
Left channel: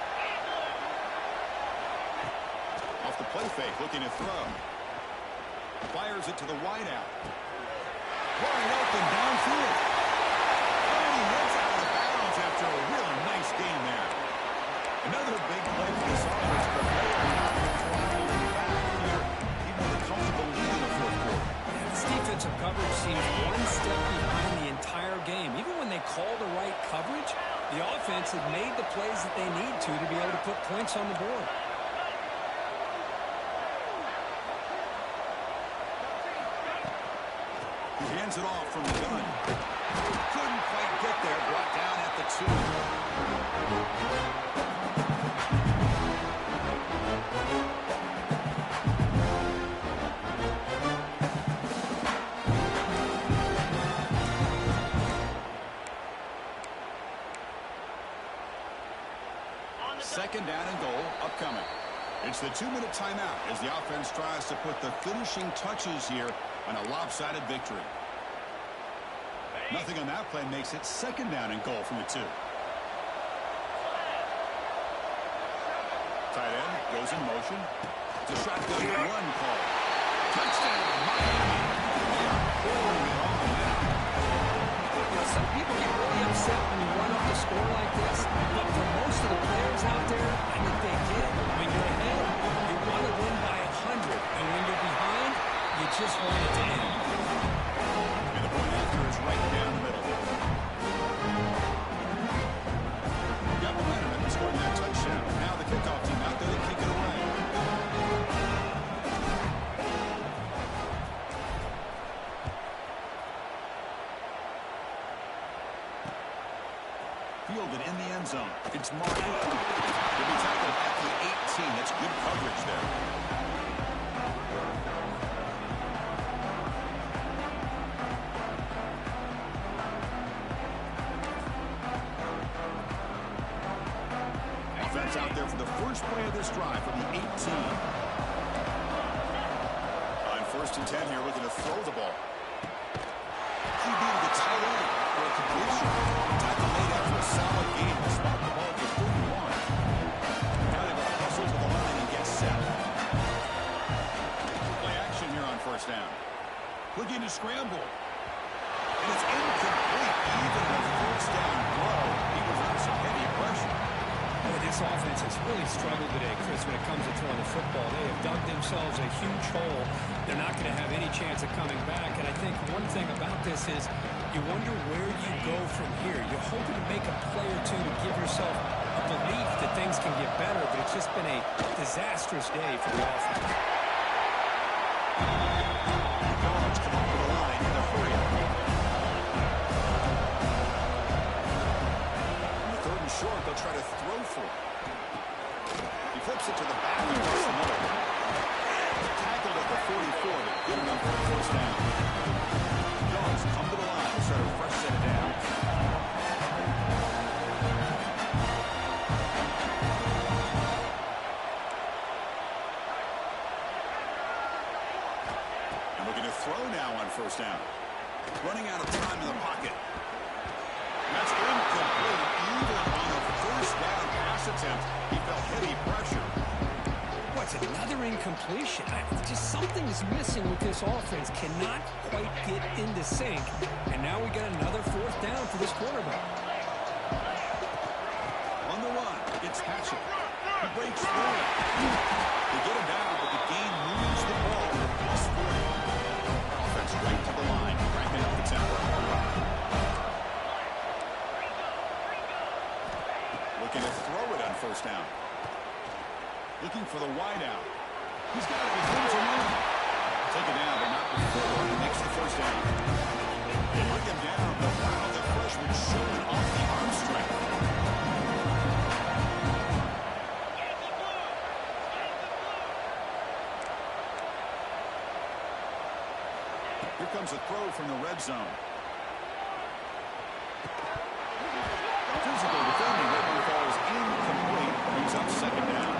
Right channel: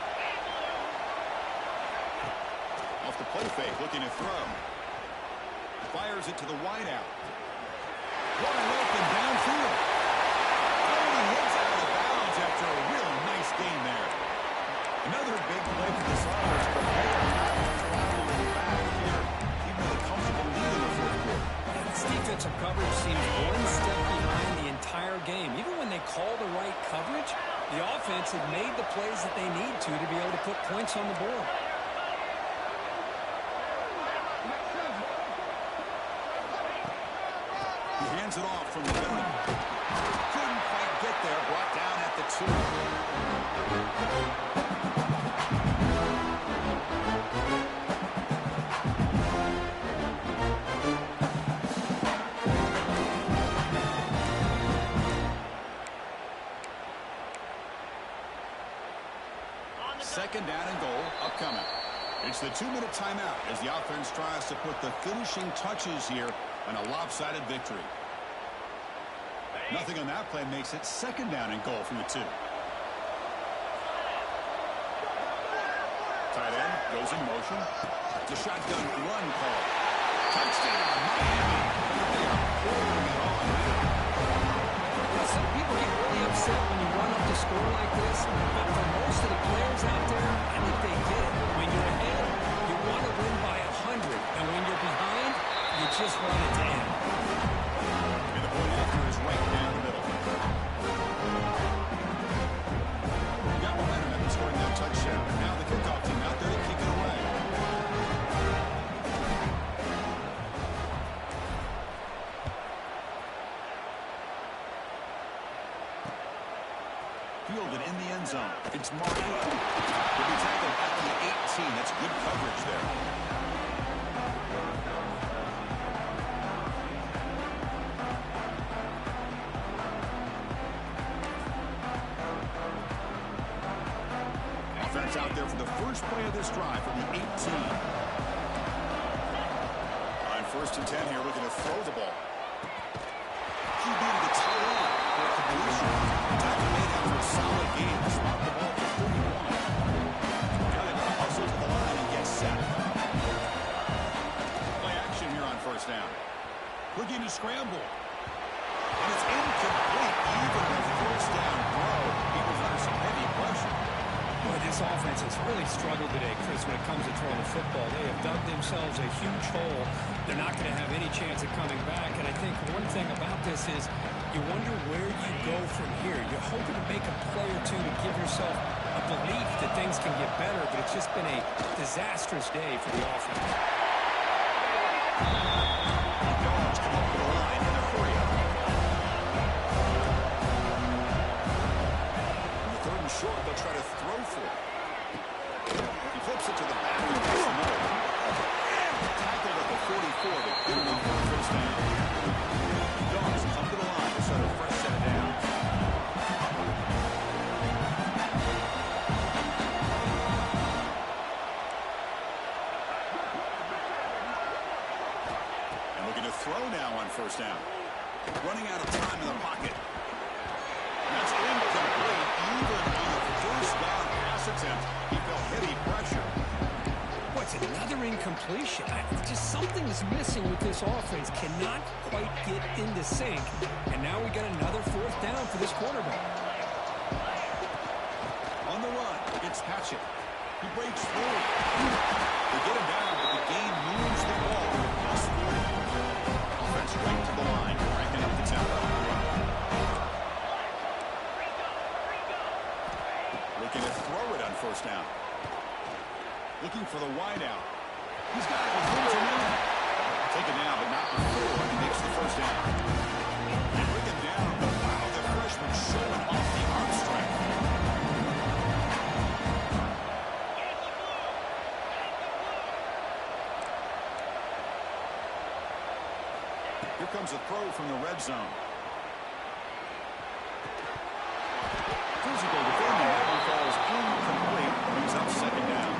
Off the play fake, looking to throw. Fires it to the wideout. Wide open downfield. He hits out of bounds after a really nice game there. Another big play for this offense, but they are not throttling back here, even with a comfortable lead in the fourth quarter. This defensive coverage seems one step behind the entire game. Even when they call the right coverage, the offense had made the plays that they need to be able to put points on the board. He hands it off from the gun. Couldn't quite get there. Brought down at the 2. Second down and goal upcoming. It's the 2-minute timeout as the offense tries to put the finishing touches here on a lopsided victory. Nothing on that play makes it second down and goal from the 2. Tight end goes in motion. It's a shotgun run call. Touchdown, Miami. They are pouring it on now. You know, some people get really upset when you run up the score like this, but for most of the players out there, I think they get it. When you're ahead, you want to win by 100, and when you're behind, you just want it to end. And the point after is right down the middle. Got momentum after scoring that touchdown. Now the kickoff team out there to kick it away. Fielded in the end zone. It's Martin. He'll be tackled at the 18. That's good coverage there. Offense out there for the first play of this drive from the 18. On 1st and 10 here, looking to throw the ball. QB to the tight end for a completion. Tackle made after a solid game to spot the ball for 31. Now they're going to hustle to the line and get set. Play action here on 1st down. Looking to scramble. And it's incomplete. Even on a 1st down throw, he was under some heavy pressure. Boy, this offense has really struggled today, Chris, when it comes to throwing the football. They have dug themselves a huge hole. They're not going to have any chance of coming back. And I think one thing about this is you wonder where you go from here. You're hoping to make a play or two to give yourself a belief that things can get better, but it's just been a disastrous day for the offense. The Dogs come up to the line in a hurry-up. Third and short, they'll try to throw for it. He flips it to the back across the middle. Tackled at the 44, but good enough for the 1st down. Dogs come to the line to start a fresh set of downs. And looking to throw now on 1st down. Running out of time in the pocket. That's incomplete. Even on a 1st down pass attempt, he felt heavy pressure. What's another incompletion? Just something is missing with this offense. Cannot quite get into sync. And now we got another 4th down for this quarterback. On the run, it's Hatchett. He breaks free. They get him down, but the game moves the ball to +40. Offense right to the line, cranking up the tempo. Looking to throw it on first down. Looking for the wide out. He's got it with room to move. Take it down, but not before he makes the first down. They bring him down, but wow, the freshman showing off the arm strength. Here comes a throw from the red zone. Physical defending. That one falls incomplete. Brings up second down.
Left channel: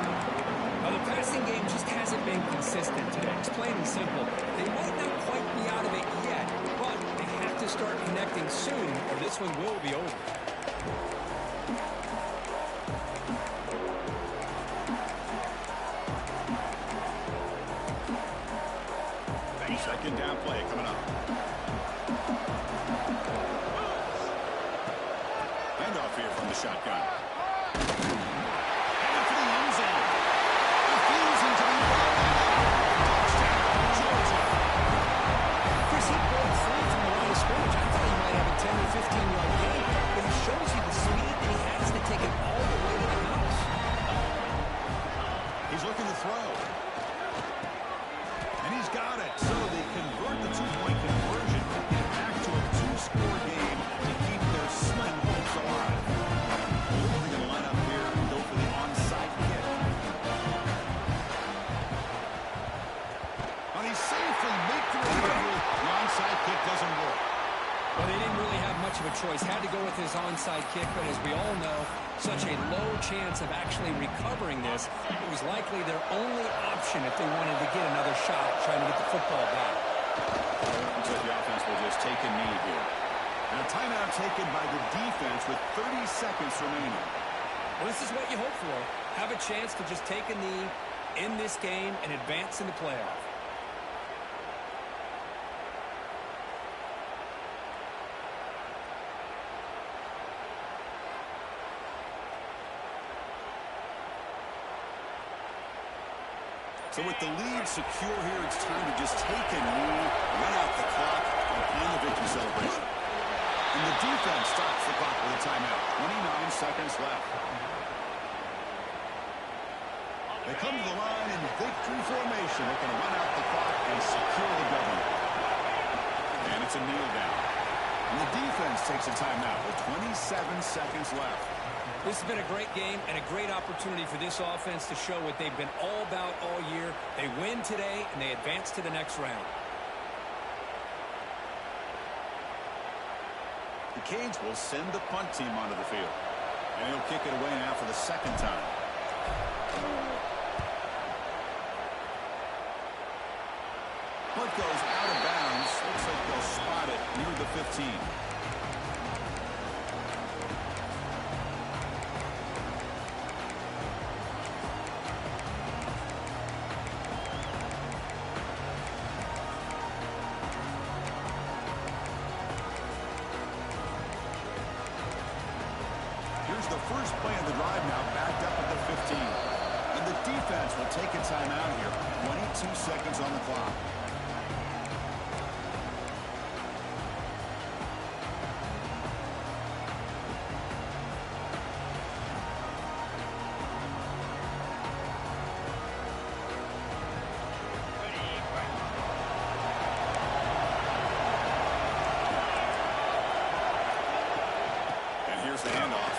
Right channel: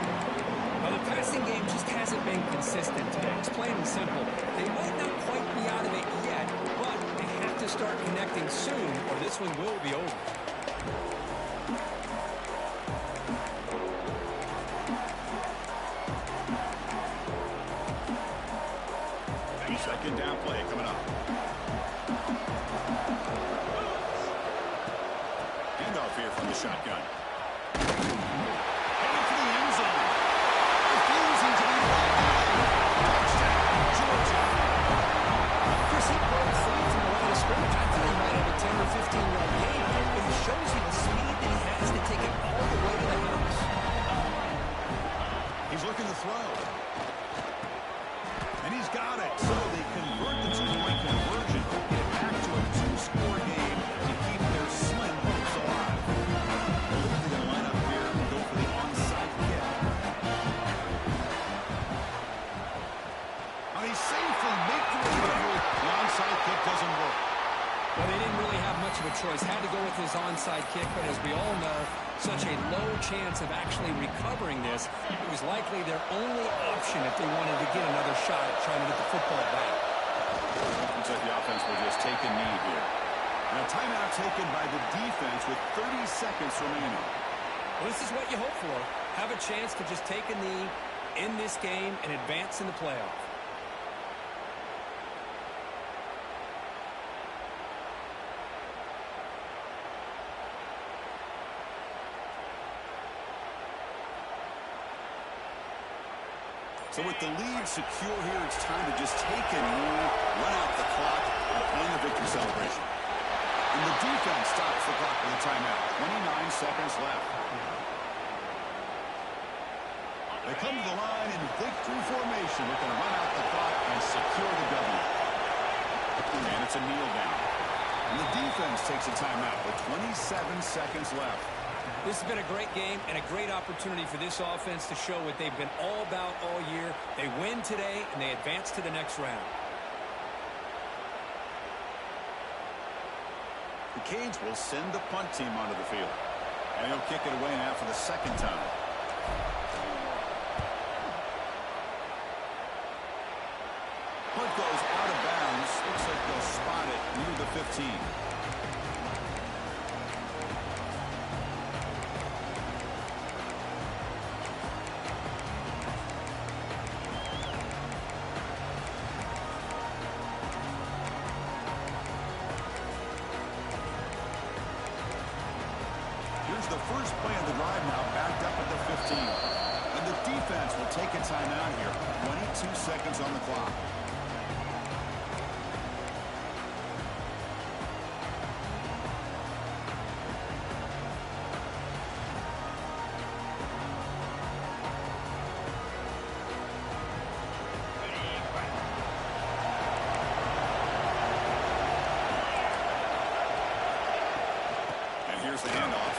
Well, the passing game just hasn't been consistent today. It's plain and simple. They might not quite be out of it yet, but they have to start connecting soon, or this one will be over. Second down play coming up. Handoff here from the shotgun. Headed for the end zone. Refusing to be brought down. Touchdown, Georgia. Chris, he broke free from the line of scrimmage. I thought he might have a 10 or 15-yard gain, but he shows you the speed that he has to take it all the way to the house. He's looking to throw. And he's got it. So they convert the two-point conversion, get it back to a two-score game to keep their slim hopes alive. I believe they're going to line up here and go for the onside kick. He safely makes the recovery. The onside kick doesn't work. Well, they didn't really have much of a choice. Had to go with his onside kick, but as we all know, such a low chance of actually recovering this. It was likely their only option if they wanted to get another shot at trying to get the football back. Looks like the offense will just take a knee here. And a timeout taken by the defense with 30 seconds remaining. Well, this is what you hope for. Have a chance to just take a knee in this game and advance in the playoff. So with the lead secure here, it's time to just take a knee, run out the clock, and plan the victory celebration. And the defense stops the clock with a timeout. 29 seconds left. They come to the line in victory formation, looking to run out the clock and secure the W. And it's a kneel down. And the defense takes a timeout with 27 seconds left. This has been a great game and a great opportunity for this offense to show what they've been all about all year. They win today, and they advance to the next round. The Canes will send the punt team onto the field. And he'll kick it away now for the second time. Punt goes out of bounds. Looks like they'll spot it near the 15. Here's the first play of the drive now, backed up at the 15. And the defense will take a timeout here. 22 seconds on the clock. And here's the handoff.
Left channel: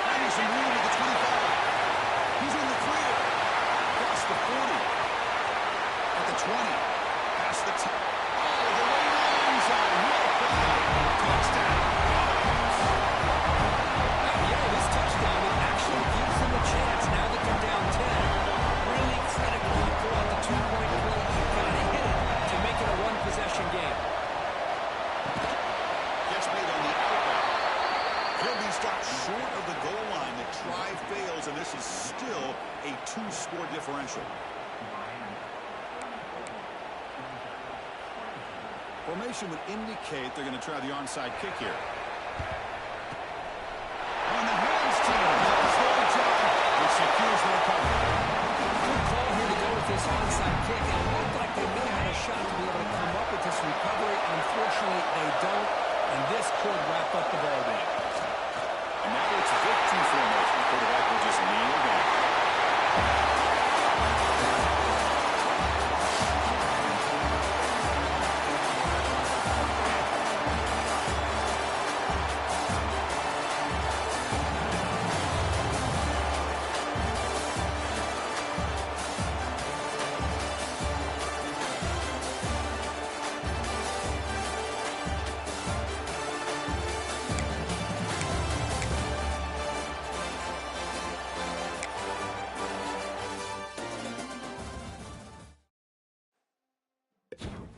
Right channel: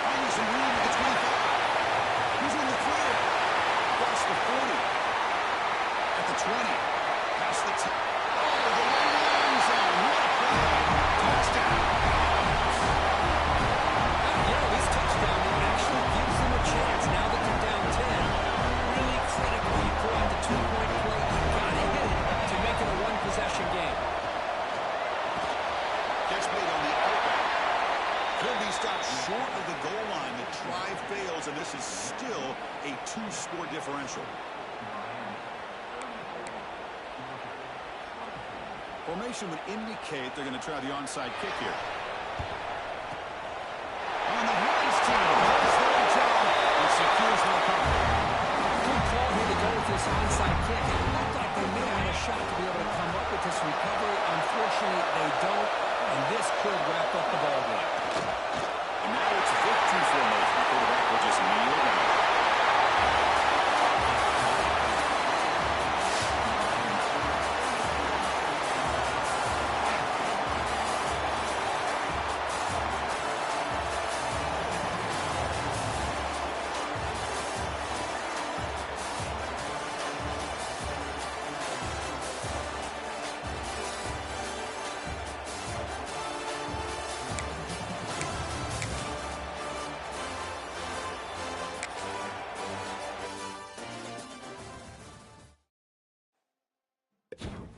Finding some room at the 25. He's in the clear. Across the 40. At the 20. Past the 10. Oh, the way to the end zone. What a play. Touchdown. This touchdown, it actually gives them a chance now that they're down 10. Really critical. You pull out the two-point play. You got to hit it to make it a one-possession game. Catch made on the outback. He'll be stopped short of the goal line. The try fails, and this is still a two-score differential. Formation would indicate they're going to try the onside kick here. On the hands team, does their job and secures the recovery. Good call here to go with this onside kick. It looked like they may have had a shot to be able to come up with this recovery. Unfortunately, they don't, and this could wrap up the ball game. And now it's victory it.